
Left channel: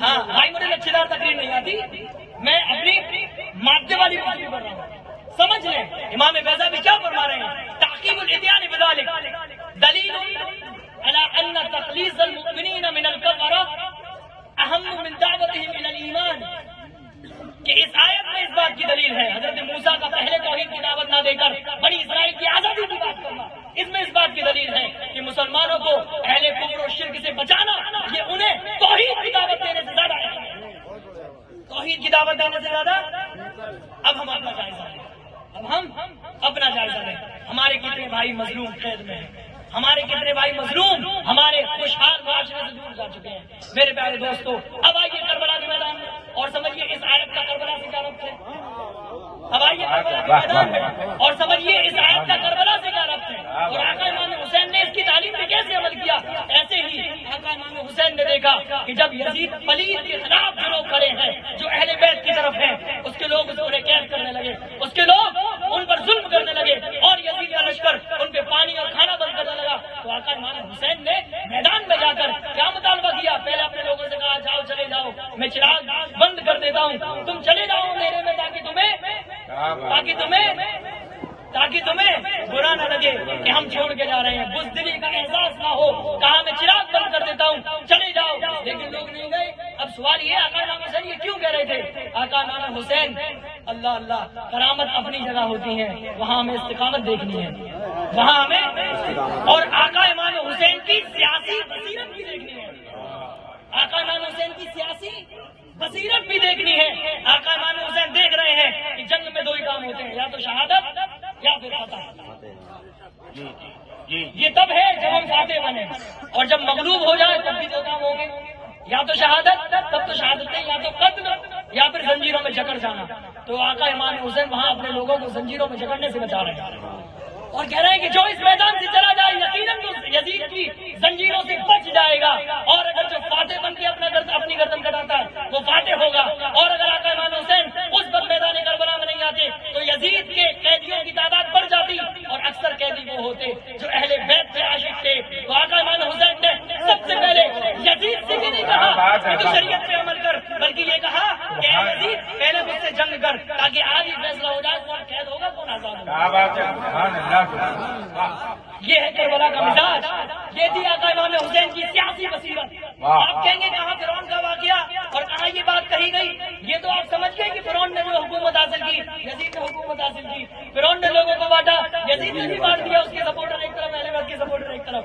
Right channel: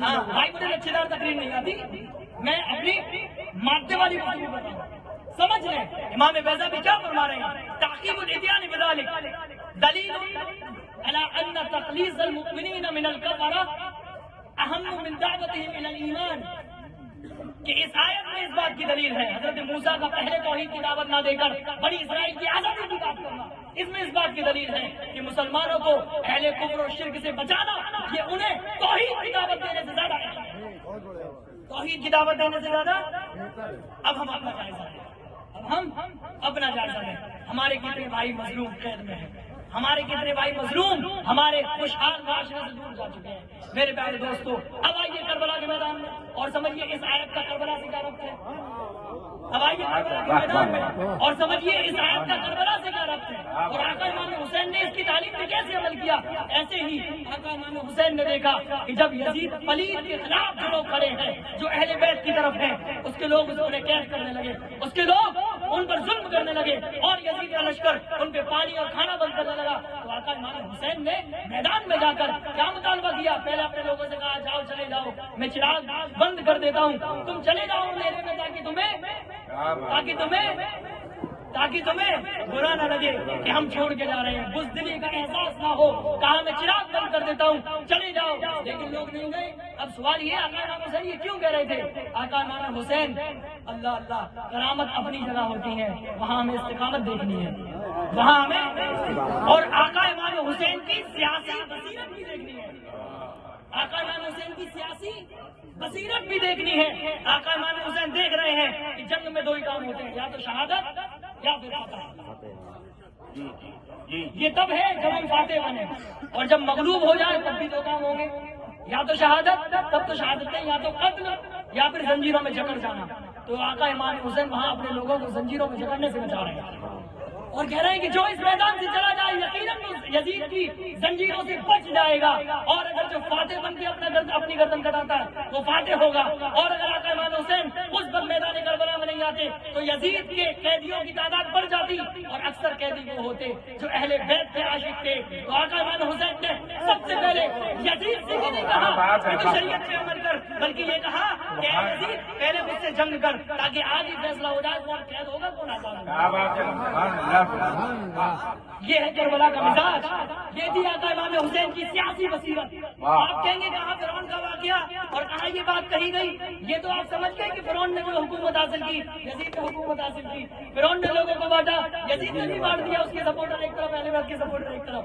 ہاں بھائی مجھے لچھےدار تقریر نہیں آتی، میں اپنی مادے والی گفتگو کر رہا ہوں. سمجھ لیں امام بیضاوی کیا فرما رہے ہیں. تحقیق الاتیان بذلك دلیل علی ان تخلیص المؤمنین من الکفر اہم من دعوتهم الى الایمان کہ اس آیت میں اس بات کی دلیل ہے حضرت موسیٰ کا پہلے توحید کی دعوت نہ دے کر بنی اسرائیل کی آزادی کی بات کرنا. اس میں اس بات کی دلیل ہے کہ مسلمانوں کو اہل کفر و شرک سے بچانا یہ انہیں توحید کی دعوت دینے سے زیادہ ہے. توحید کی دعوت دینے سے زیادہ. اب ہم اپنا جائزہ لیں، اب ہم اپنا جائزہ لیں. ہمارے کتنے بھائی مظلوم قید میں ہیں، ہمارے کتنے بھائی مظلوم ہمارے خوشحال معاشرے سے دور جا چکے ہیں. میرے پیارے دوستو اب آئیے کربلا کے میدان میں اور سمجھیے اس آیت کا کربلا سے کیا ربط ہے. اب آئیے کربلا کے میدان میں اور سمجھیے اس آیت کا کربلا سے کیا ربط ہے. اور آقا امام حسین نے اس کی تعلیم پہ کیسے عمل کیا. ایسے ہی آقا امام حسین نے دیکھا کہ جب یزید پلید کے خلاف جو لوگ کھڑے ہیں جو اہل بیت کی طرف ہیں اس کے لوگ اس کو قید کرنے لگے، اس کے لوگ ان پر ظلم کرنے لگے اور یزید کا لشکر ان پہ پانی اور کھانا بند کرنے لگا. تو آقا امام حسین نے میدان میں جا کر کیا مطالبہ کیا؟ پہلے اپنے لوگوں سے کہا جاؤ چلے جاؤ، میں چراغ بند کر دیتا ہوں، تم چلے جاؤ اندھیرے میں تاکہ تمہیں برا نہ لگے کہ ہم چھوڑ کے جا رہے ہیں، بزدلی کا احساس نہ ہو. کہا میں چراغ بند کر دیتا ہوں، چلے جاؤ. لیکن لوگ نہیں گئے. اب سوال یہ آقا امام حسین یہ کیوں کہہ رہے تھے؟ آقا امام حسین اللہ اللہ کرامت اپنی جگہ ہوتی ہے، وہاں ہمیں استقامت دیکھنی ہے، وہاں ہمیں اور آقا امام حسین کی سیاسی بصیرت بھی دیکھنی ہے. آقا امام حسین کی سیاسی بصیرت بھی دیکھنی ہے. آقا امام حسین دیکھ رہے ہیں کہ جنگ میں دو ہی کام ہوتے ہیں، یا تو شہادت یا پھر فتح. یہ تب ہے جب ہم فاتح بنے، اور جب مغلوب ہو جائے تب بھی دو کام ہوں گے. یا تو شہادت، تب تو شہادت یا تو قتل یا پھر زنجیروں میں جکڑ جانا. تو آقا امام حسین وہاں اپنے لوگوں کو زنجیروں میں جکڑنے سے بچا رہے ہیں اور کہہ رہے ہیں کہ جو اس میدان سے چلا جائے یقیناً یزید کی زنجیروں سے بچ جائے گا، اور اگر جو فاتح بن کے اپنی گردن کٹاتا ہے وہ فاتح ہوگا. اور اگر آقا امام حسین اس وقت میدان کربلا میں نہیں آتے تو یزید کے قیدیوں کی تعداد بڑھ جاتی اور اکثر قیدی وہ ہوتے جو اہل بیت کے عاشق تھے. تو آقا امام حسین نے سب سے پہلے یزید سے بھی نہیں کہا کہ تو شریعت پہ عمل کر، بلکہ یہ کہا کہ اے یزید پہلے مجھ سے جنگ کر تاکہ آج ہی فیصلہ ہو جائے کون قید ہوگا کون آزاد ہوگا. یہ ہے کربلا کا مزاج، یہ تھی آقا امام حسین کی سیاسی بصیرت. آپ کہیں گے کہاں فرعون کا واقعہ اور کہاں یہ بات کہی گئی؟ یہ تو آپ سمجھ گئے کہ فرعون نے جو حکومت حاصل کی یزید نے حکومت حاصل کی. فرعون نے لوگوں کو بانٹا، یزید نے بھی بانٹ دیا. اس کے سپورٹر ایک طرف، اہل بیت کے سپورٹر ایک طرف،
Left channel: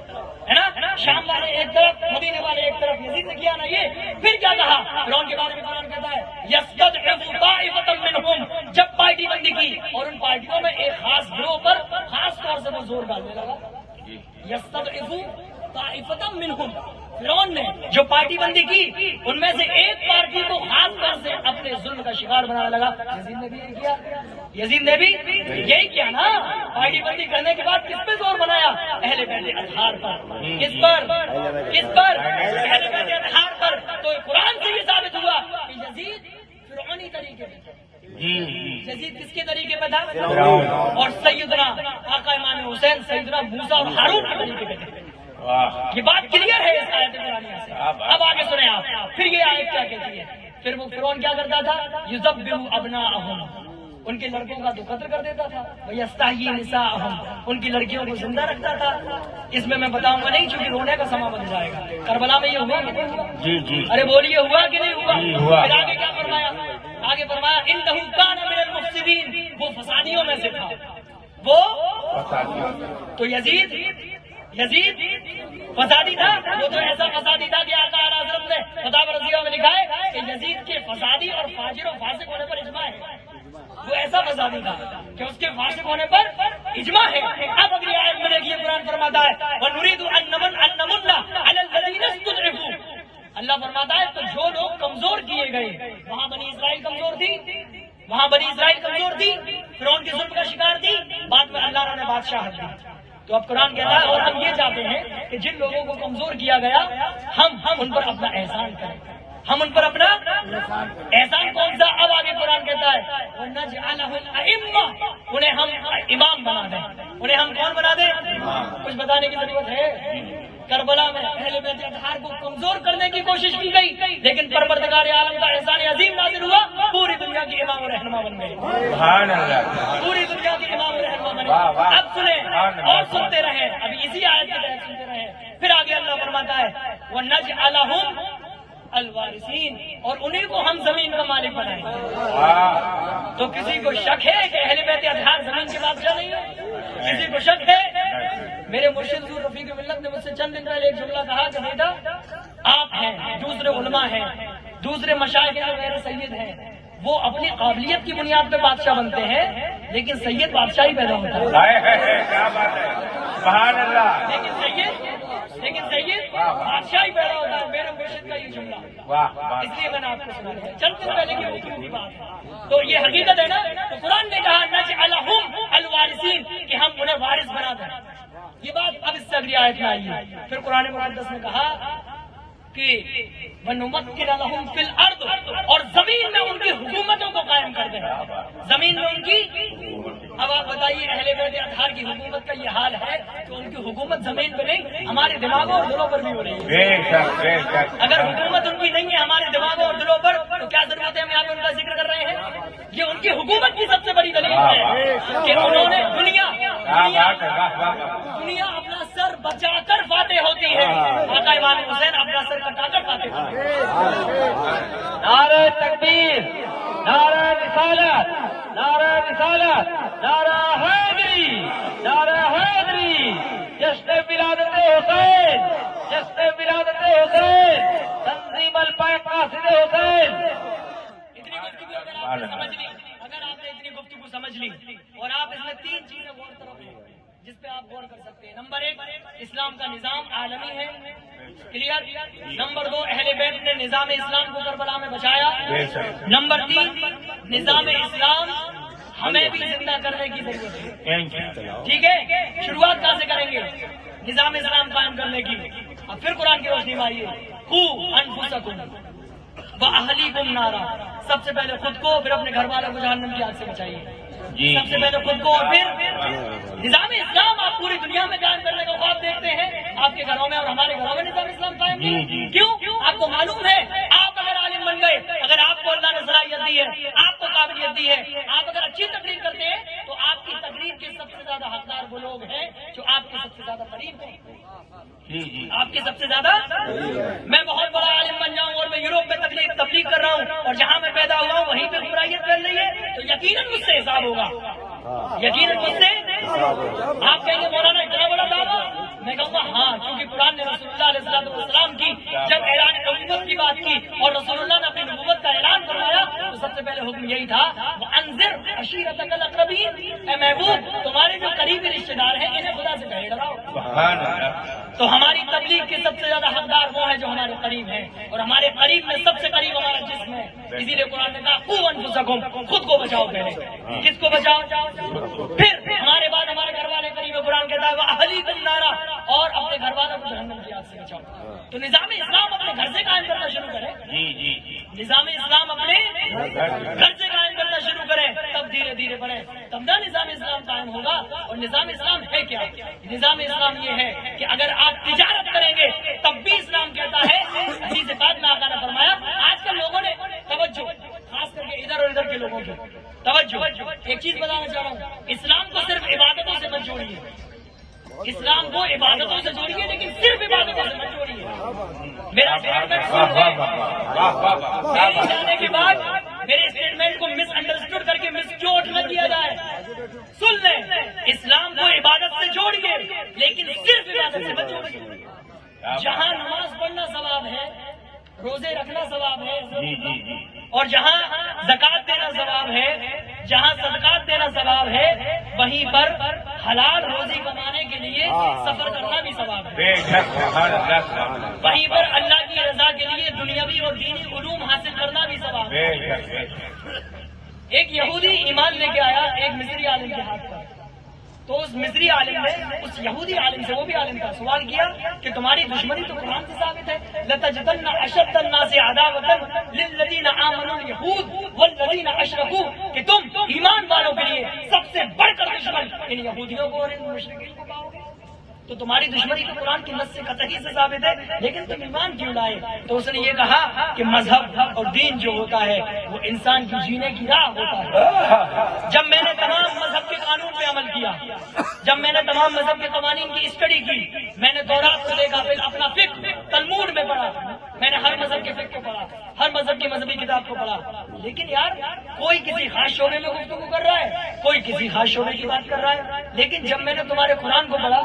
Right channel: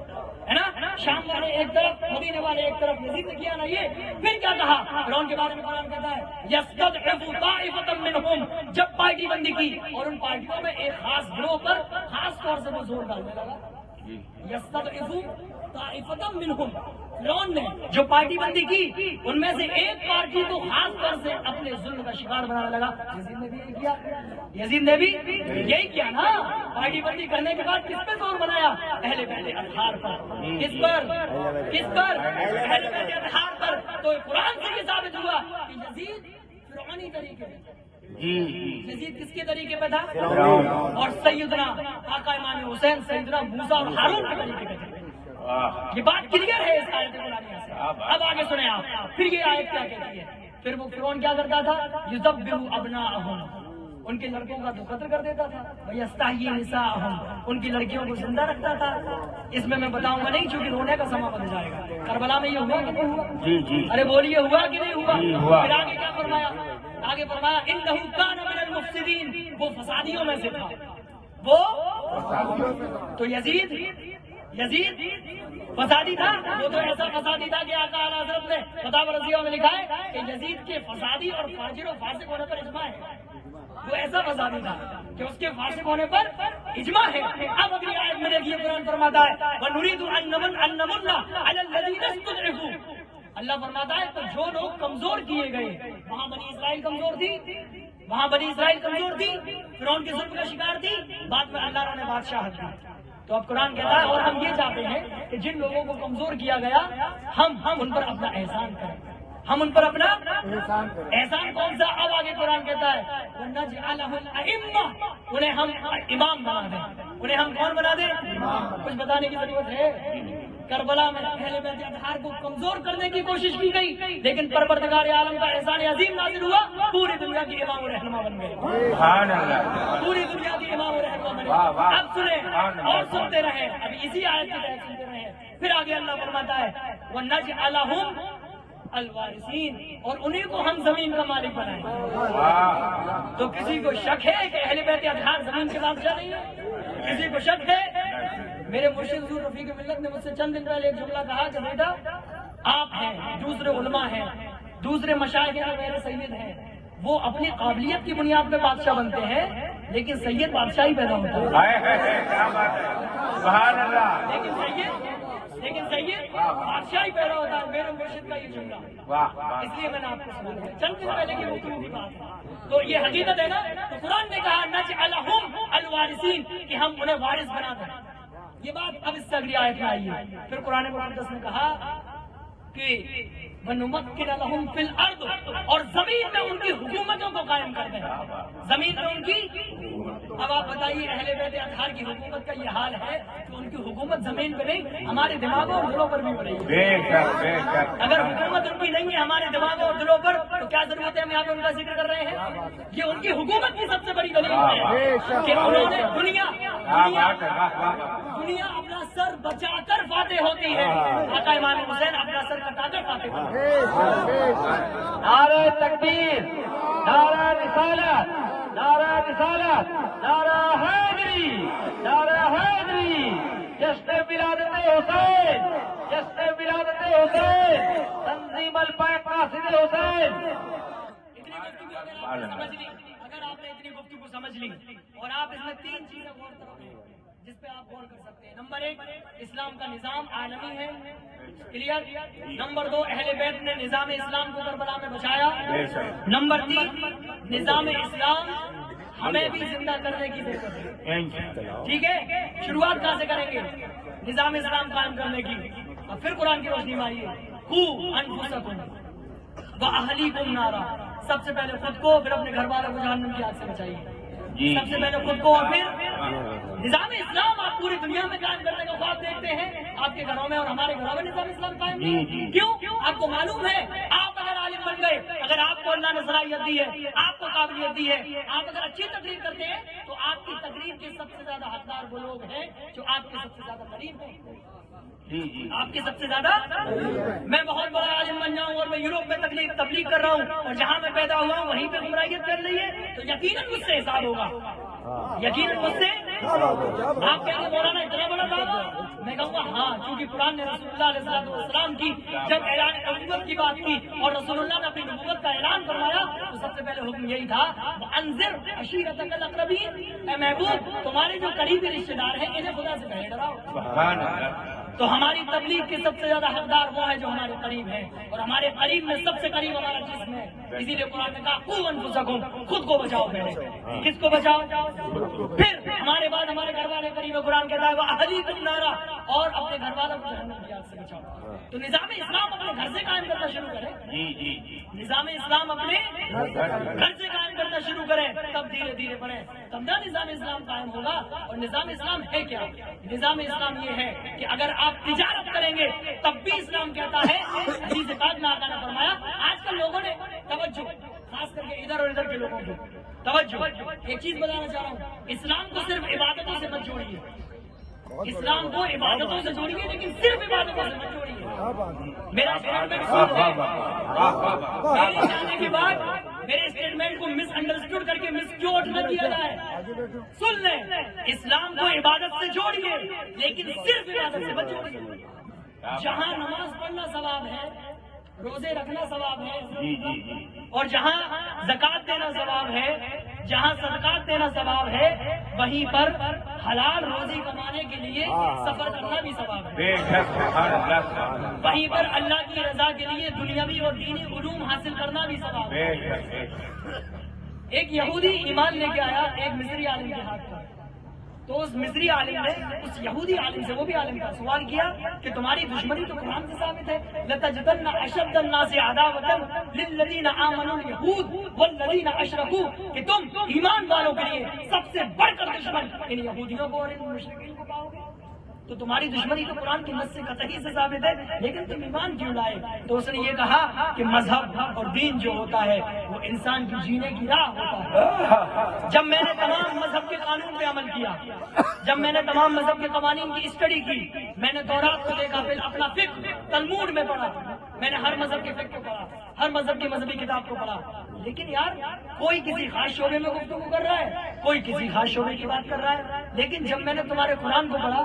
ہے نا، شام والے ایک طرف، مدینے والے ایک طرف. یزید نے کیا نا یہ. پھر کیا کہا فرعون کے بارے میں؟ قرآن کہتا ہے یستضعف طائفۃ منہم، جب پارٹی بندی کی اور ان پارٹیوں میں ایک خاص گروہ پر خاص طور سے وہ زور ڈالنے لگا. یستضعف طائفۃ منہم، فرعون نے جو پارٹی بندی کی ان میں سے ایک پارٹی کو خاص طور سے اپنے ظلم کا شکار بنانے لگا. یزید نے بھی یہی کیا، یزید نے بھی یہی کیا نا. پارٹی بندی کرنے کے بعد کس پہ زور بنایا؟ اہل بیت اطہار پر. کس پر؟ اہل بیت اطہار پر. تو قرآن سے یہ ثابت ہوا کہ یزید فرعونی طریقے پہ، یزید کس کے طریقے پہ تھا؟ اور سیدنا آقا امام حسین سیدنا موسیٰ اور ہارون کے طریقے پہ تھے. یہ بات کلیئر ہے اس آیت قرآنیہ سے. اب آگے سنیں آپ. پھر یہ آیت کیا کہتی ہے؟ پھر وہ فرعون کیا کرتا تھا؟ یذبح ابناءہم، ان کے لڑکوں کا تو قتل کر دیتا تھا. ویستحیی نساءہم، ان کی لڑکیوں کو زندہ رکھتا تھا. اس میں بتاؤں گا نہیں چونکہ رونے کا سما بن جائے گا. کربلا میں یہ ہوا کہ نہیں ہوا؟ ارے بولیے ہوا کہ نہیں ہوا؟ پھر آگے کیا فرمایا؟ آگے فرمایا انہ کان من المفسدین، وہ فسادیوں میں سے تھا. وہ تو یزید فسادی تھا. وہ تو ایسا فسادی تھا کہ آقا اعلیٰ حضرت نے فتاوی رضیہ میں لکھا ہے کہ یزید کے فسادی اور فاجر و فاسق ہونے پر اجماع ہے. وہ ایسا فسادی تھا کہ اس کے فاسق ہونے پر اجماع ہے. اب اگلی آیت میں یہ قرآن فرماتا ہے وَنُرِيدُ أَن نَمُنَّ عَلَى الَّذِينَ اسْتُضْعِفُوا، اللہ فرماتا ہے تو جو لوگ کمزور کیے گئے، وہاں بنی اسرائیل کمزور تھی، فرعون کی ظلم کا شکار تھی، بعد میں اللہ نے بادشاہت دی. تو اب قرآن کہتا ہے اور ہم یہ چاہتے ہیں کہ جن لوگوں کو کمزور کیا گیا ہم ان پر اپنا احسان کریں. ہم ان پر اپنا احسان کون سا؟ اب آگے قرآن کہتا ہے وَنَجْعَلَهُمْ أَئِمَّةً، انہیں ہم امام بنا دیں. انہیں ہم کون بنا دیں؟ کچھ بتانے کی ضرورت ہے. کربلا میں اہل بیت اطہار کو کمزور کرنے کی کوشش کی گئی، لیکن پروردگار عالم کا احسان عظیم نازل ہوا، پوری دنیا کی امام و رہنما بن گئے. سبحان اللہ. پوری دنیا کی امام و رہنما بنے. اب سنیں اور سنتے رہے، ابھی اسی آیت کے تحت سنتے رہے. پھر آگے اللہ فرماتا ہے وَنَجْعَلَهُمْ الوارثین، اور انہیں کو ہم زمین کا مالک بنائیں گے. تو کسی کو شک ہے کہ اہل بیت اطہار زمین کی بادشاہ نہیں ہے؟ کسی کو شک ہے؟ میرے مرشد حضور رفیق ملت نے مجھ سے چند دن پہلے ایک جملہ کہا کہ بیٹا آپ ہیں، دوسرے علماء ہیں، دوسرے مشائخ جو میرے سید ہیں، وہ اپنی قابلیت کی بنیاد پہ بادشاہ بنتے ہیں، لیکن سید بادشاہ ہی پیدا ہوتا ہے. سبحان اللہ. لیکن سید بادشاہ ہی پیدا ہوتا ہے. میرے مرشد کا یہ جملہ، اس لیے میں نے آپ کو سنا دیا. چند دن پہلے کی گفتگو کی بات ہے، تو یہ حقیقت ہے نا. تو قرآن نے کہا نجعلہم الوارثین، کہ ہم انہیں وارث بنا دیں. یہ بات اب اس سے اگلی آیت میں آئی ہے. پھر قرآن مقدس نے کہا کہ وَنُمَكِّنَ لَهُمْ فِي الْأَرْضِ، اور زمین میں ان کی حکومتوں کو قائم کر دیں. زمین میں ان کی. اب آپ بتائیے اہل بیت اطہار کی حکومت کا یہ حال ہے کہ ان کی حکومت زمین پہ نہیں، ہمارے دماغوں اور دلوں پر بھی ہو رہی ہے. اگر حکومت ان کی نہیں ہے ہمارے دماغوں اور دلوں پر، تو کیا ضرورت ہے ہم یہاں پہ ان کا ذکر کر رہے ہیں؟ یہ ان کی حکومت کی سب سے بڑی دلیل ہے کہ انہوں نے دنیا اپنا سر بچا کر فاتح ہوتی ہے. آقا امام حسین اپنا سر کٹا کر فاتح ہوتی ہے. نعرہ تکبیر، نعرہ رسالت، نعرہ رسالت، نعرہ حیدری، نعرہ حیدری، جشن ولادت حسین، جشن ولادت حسین، تنظیم الپائے قاصد حسین. اتنی گفتگو اگر آپ نے اتنی گفتگو سمجھ لی اور آپ اس میں تین چیزیں غور کرو گے جس پہ آپ غور کر سکتے ہیں. نمبر 1 اسلام کا نظام عالمی ہے, کلیئر. نمبر 2 اہل بیت نے نظام اسلام کو کربلا میں بچایا. نمبر 3 نظام اسلام ہمیں بھی زندہ کرنے کی ضرورت ہے. ٹھیک ہے, شروعات کہاں سے کریں گے؟ نظام اسلام قائم کرنے کی. اب پھر قرآن کی روشنی میں آئیے. قوا انفسکم واہلیکم نارا, سب سے پہلے خود کو پھر اپنے گھر والوں کو جہنم کی آگ سے بچائیے. سب سے پہلے خود کو اور پھر نظام اسلام. آپ پوری دنیا میں قائم کرنے کا خواب دیکھتے ہیں, آپ کے گھروں میں اور ہمارے گھروں میں نظام اسلام قائم نہیں. کیوں؟ آپ کو معلوم ہے آپ اگر عالم بن گئے, اگر آپ کو اللہ نے صلاحیت دی ہے, آپ کو قابلیت دی ہے, آپ اگر اچھی تقریر کرتے ہیں تو آپ کی تقریر کے سب سے زیادہ حقدار وہ لوگ ہیں جو آپ کے سب سے زیادہ قریب ہیں. آپ کے سب سے زیادہ. میں بہت بڑا عالم بن جاؤں اور میں یوروپ میں تبلیغ کر رہا ہوں اور جہاں میں پیدا ہوا ہوں وہیں پہ برائیت کر رہی ہے, تو یقیناً مجھ سے حساب ہوگا. یقیناً مجھ سے. آپ کہیں گے مولانا اتنا بڑا دعویٰ, میں کہوں گا ہاں, کیونکہ قرآن نے رسول اللہ علیہ السلام کی جب اعلان نبوت کی بات کی اور رسول اللہ نے اپنی نبوت کا اعلان کروایا تو سب سے پہلے حکم یہی تھا وَأَنذِرْ عَشِيرَتَكَ الْأَقْرَبِينَ, اے محبوب تمہارے جو قریبی رشتے دار ہیں انہیں خدا سے پہلے ڈراؤ. تو ہماری تبلیغ کی سب سے زیادہ حقدار وہ ہے جو ہمارے قریب ہیں, اور ہمارے قریب میں سب سے قریب ہمارا جسم ہے. اسی لیے قرآن نے کہا قوا انفسکم, خود کو بچاؤ پہلے. کس کو بچاؤ؟ پھر ہمارے بعد ہمارے گھر والے قریب. قرآن کہتا ہے واہلیکم نارا, اور اپنے گھر والوں کو جہنم کی آگ سے بچاؤ. تو نظام اسلام اپنے گھر سے قائم کرنا شروع کرے. نظام اسلام اپنے گھر سے قائم کرنا شروع کرے, تب دھیرے دھیرے بڑھے, تب نہ نظام اسلام قائم ہوگا. اور نظام اسلام ہے کیا؟ نظام اسلام یہ ہے کہ اگر آپ تجارت کریں گے تب بھی اسلام کہتا ہے, حدیث پاک میں آقا نے فرمایا. آج کل لوگوں نے توجہ, خاص کر کے ادھر اور ادھر کے لوگوں کی توجہ, ایک چیز بتانا چاہ رہا ہوں, اسلام کو صرف عبادتوں سے مت جوڑیے. اسلام کو عبادتوں سے جوڑیے لیکن صرف عبادتوں سے مت جوڑیے. میرا اسٹیٹمنٹ سن لیں, میرے جانے کے بعد میرے اسٹیٹمنٹ کو مس انڈرسٹوڈ کر کے مس کیوٹ نہ کیا جائے. سن لیں, اسلام کو عبادت سے جوڑیے لیکن صرف عبادت سے مت جوڑیے. جہاں نماز پڑھنا ثواب ہے, روزے رکھنا ثواب ہے, اور جہاں زکات دینا ثواب ہے, جہاں صدقات دینا ثواب ہے, وہیں پر حلال روزی کمانے کے لیے سفر کرنا بھی ثواب ہے. وہیں پر اللہ کی رضا کے لیے دنیاوی اور دینی علوم حاصل کرنا بھی ثواب ہے. ایک یہودی ایمان لے کے آیا ایک مصری عالم کے ہاتھ پر, تو اس مصری عالم نے اس یہودی عالم سے, وہ بھی عالم کا, سوال کیا کہ تمہاری دشمنی تو قرآن سے ثابت ہے, لَتَجِدَنَّ أَشَدَّ النَّاسِ عَدَاوَةً لِلَّذِينَ آمَنُوا الْيَهُودُ وَالَّذِينَ أَشْرَكُوا, کہ تم ایمان والوں کے لیے سب سے بڑھ کر دشمن ان یہودیوں کو اور ان مشرکین کو پاؤ گے. تو تمہاری دشمنی تو قرآن کی نص سے قطعی سے ثابت ہے, لیکن تم ایمان کیوں لائے؟ تو اس نے یہ کہا کہ مذہب اور دین جو ہوتا ہے وہ انسان کی جینے کی راہ ہوتا ہے. جب میں نے تمام مذہب کے قانون پہ عمل کیا, جب میں نے تمام مذہب کے قوانین کی اسٹڈی کی, میں نے دورات کو دیکھا, پھر اپنا فقہ تلمود میں پڑھا, میں نے ہر مذہب کے فقہ کو پڑھا, ہر مذہب کی مذہبی کتاب کو پڑھا, لیکن یار کوئی کسی خاص شعبے میں گفتگو کر رہا ہے, کوئی کسی خاص شعبے کی بات کر رہا ہے. لیکن جب میں نے تمہارے قرآن کو پڑھا,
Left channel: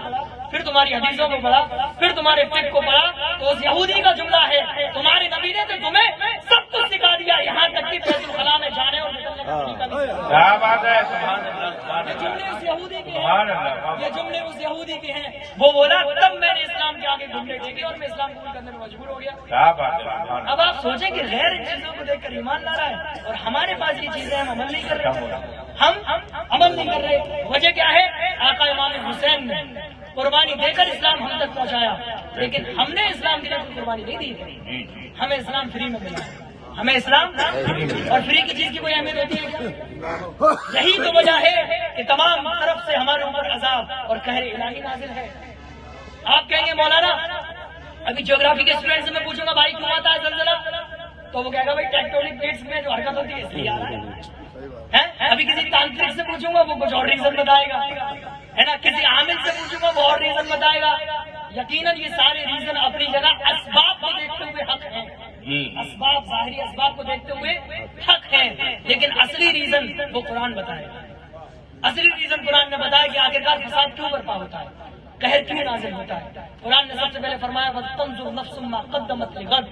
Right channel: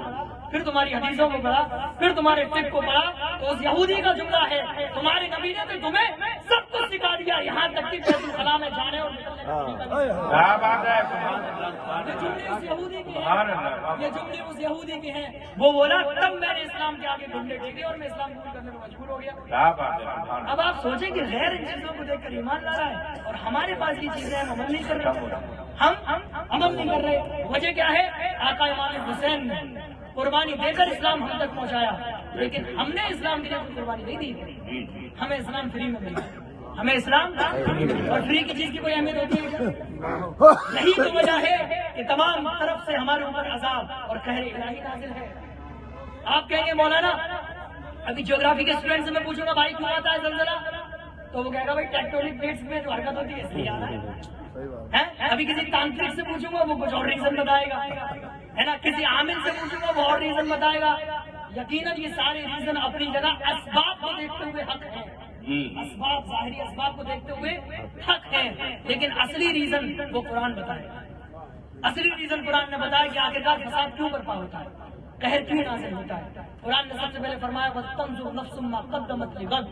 پھر تمہاری حدیثوں کو پڑھا, پھر تمہارے فقہ کو پڑھا, تو اس یہودی کا جملہ ہے تمہارے نبی نے تو تمہیں سب کچھ سکھا دیا, یہاں تک کہ بیت الخلاء میں جانے اور نکلنے کا طریقہ بھی. یہ جملے اس یہودی کے ہیں, یہ جملے اس یہودی کے ہیں. وہ بولا تب میں نے اسلام کے آگے گھومنے ٹیکے اور میں اسلام قبول کرنے میں مجبور ہو گیا. اب آپ سوچیں کہ غیر ان چیزوں کو دیکھ کر ایمان لاتا ہے, اور ہمارے پاس یہ چیزیں ہم عمل نہیں کر رہے. ہم عمل نہیں کر رہے. وجہ کیا ہے؟ آقا امام حسین نے قربانی دے کر اسلام ہم تک پہنچایا, لیکن ہم نے اسلام کے لیے کوئی قربانی نہیں دی. ہمیں اسلام فری میں ملا, ہمیں اسلام اور فری کی چیز کی کوئی اہمیت ہوتی ہے کیا؟ یہی تو وجہ ہے کہ تمام طرف سے ہمارے اوپر عذاب اور قہر الہی نازل ہے. آپ کہیں گے مولانا ابھی جیوگرافی کے اسٹوڈنٹ سے میں پوچھوں گا بھائی کیوں آتا ہے زلزلہ, تو وہ کہے گا بھائی ٹیکٹونک پلیٹس میں جو حرکت ہوتی ہے اس لیے آ رہا ہے. ابھی کسی تانترک سے پوچھوں گا وہ کچھ اور ریزن بتائے گا, ہے نا. کسی عامل سے پوچھوں گا وہ اور ریزن بتائے گا. یقیناً یہ سارے ریزن اپنی جگہ اسباب کو دیکھتے ہوئے حق ہیں, اسباب ظاہری اسباب کو دیکھتے ہوئے حق ہیں, لیکن اصلی ریزن وہ قرآن بتائے. اصلی ریزن قرآن نے بتایا کہ آخرکار فساد کیوں برپا ہوتا ہے, قہر کیوں نازل ہوتا ہے. قرآن نے سب سے پہلے فرمایا وَتَنظُرْ نَفْسٌ مَا قَدَّمَتْ لِغَدٍ,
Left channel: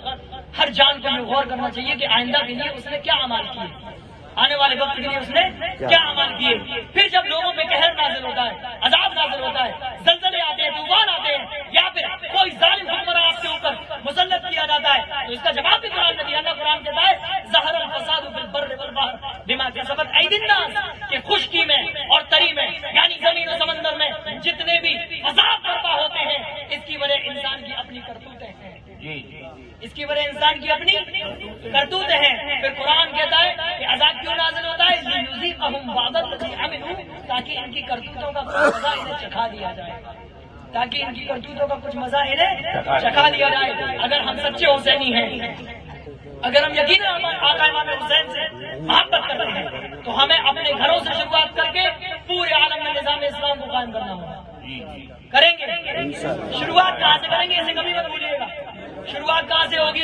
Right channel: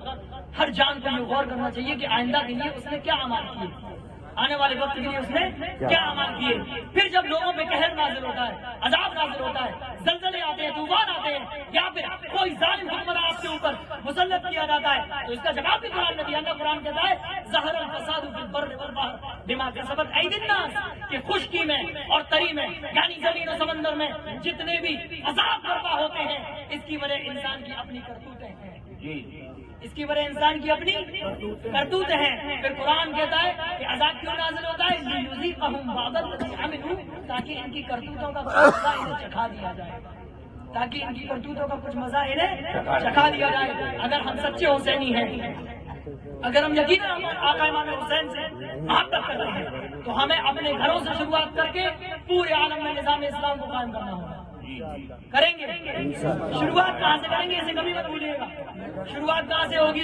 ہر جان کو یہ غور کرنا چاہیے کہ آئندہ کے لیے اس نے کیا اعمال کیے. آنے والے وقت کے لیے اس نے کیا عمل کیے. پھر جب لوگوں پہ قہر نازل ہوتا ہے، عذاب نازل ہوتا ہے، زلزلے آتے ہیں، طوفان آتے ہیں، یا پھر کوئی ظالم حکمراں آپ کے اوپر مسلط کیا جاتا ہے، تو اس کا جواب بھی قرآن نے دیا. اللہ قرآن کہتا ہے ظہر الفساد فی البر والبحر بما کسبت ایدی الناس، کہ خشکی میں اور تری میں یعنی زمین و سمندر میں جتنے بھی فساد برپا ہوتے ہیں اس کی وجہ انسان کی اپنی کرتوتیں ہیں. اس کی وجہ انسان کی اپنی کرتوتیں ہیں. پھر قرآن کہتا ہے کہ عذاب کیوں نازل ہوتا ہے؟ لیذیقہم بعض الذی عملوا، تاکہ ان کی کرتوتوں کا کچھ مزہ انہیں چکھا دیا جائے، تاکہ ان کی کرتوتوں کا کچھ مزہ انہیں چکھا دیا جائے. اگر ہم سچے حسینی ہیں، اگر ہم یقیناً آقا امام حسین سے محبت کرتے ہیں، تو ہمیں اپنے گھروں سے شروعات کر کے پورے عالم میں نظام اسلام کو قائم کرنا ہوگا. کریں گے. شروعات کہاں سے کریں گے؟ اسے کبھی مت بھولیے گا. شروعات کہاں سے ہوگی؟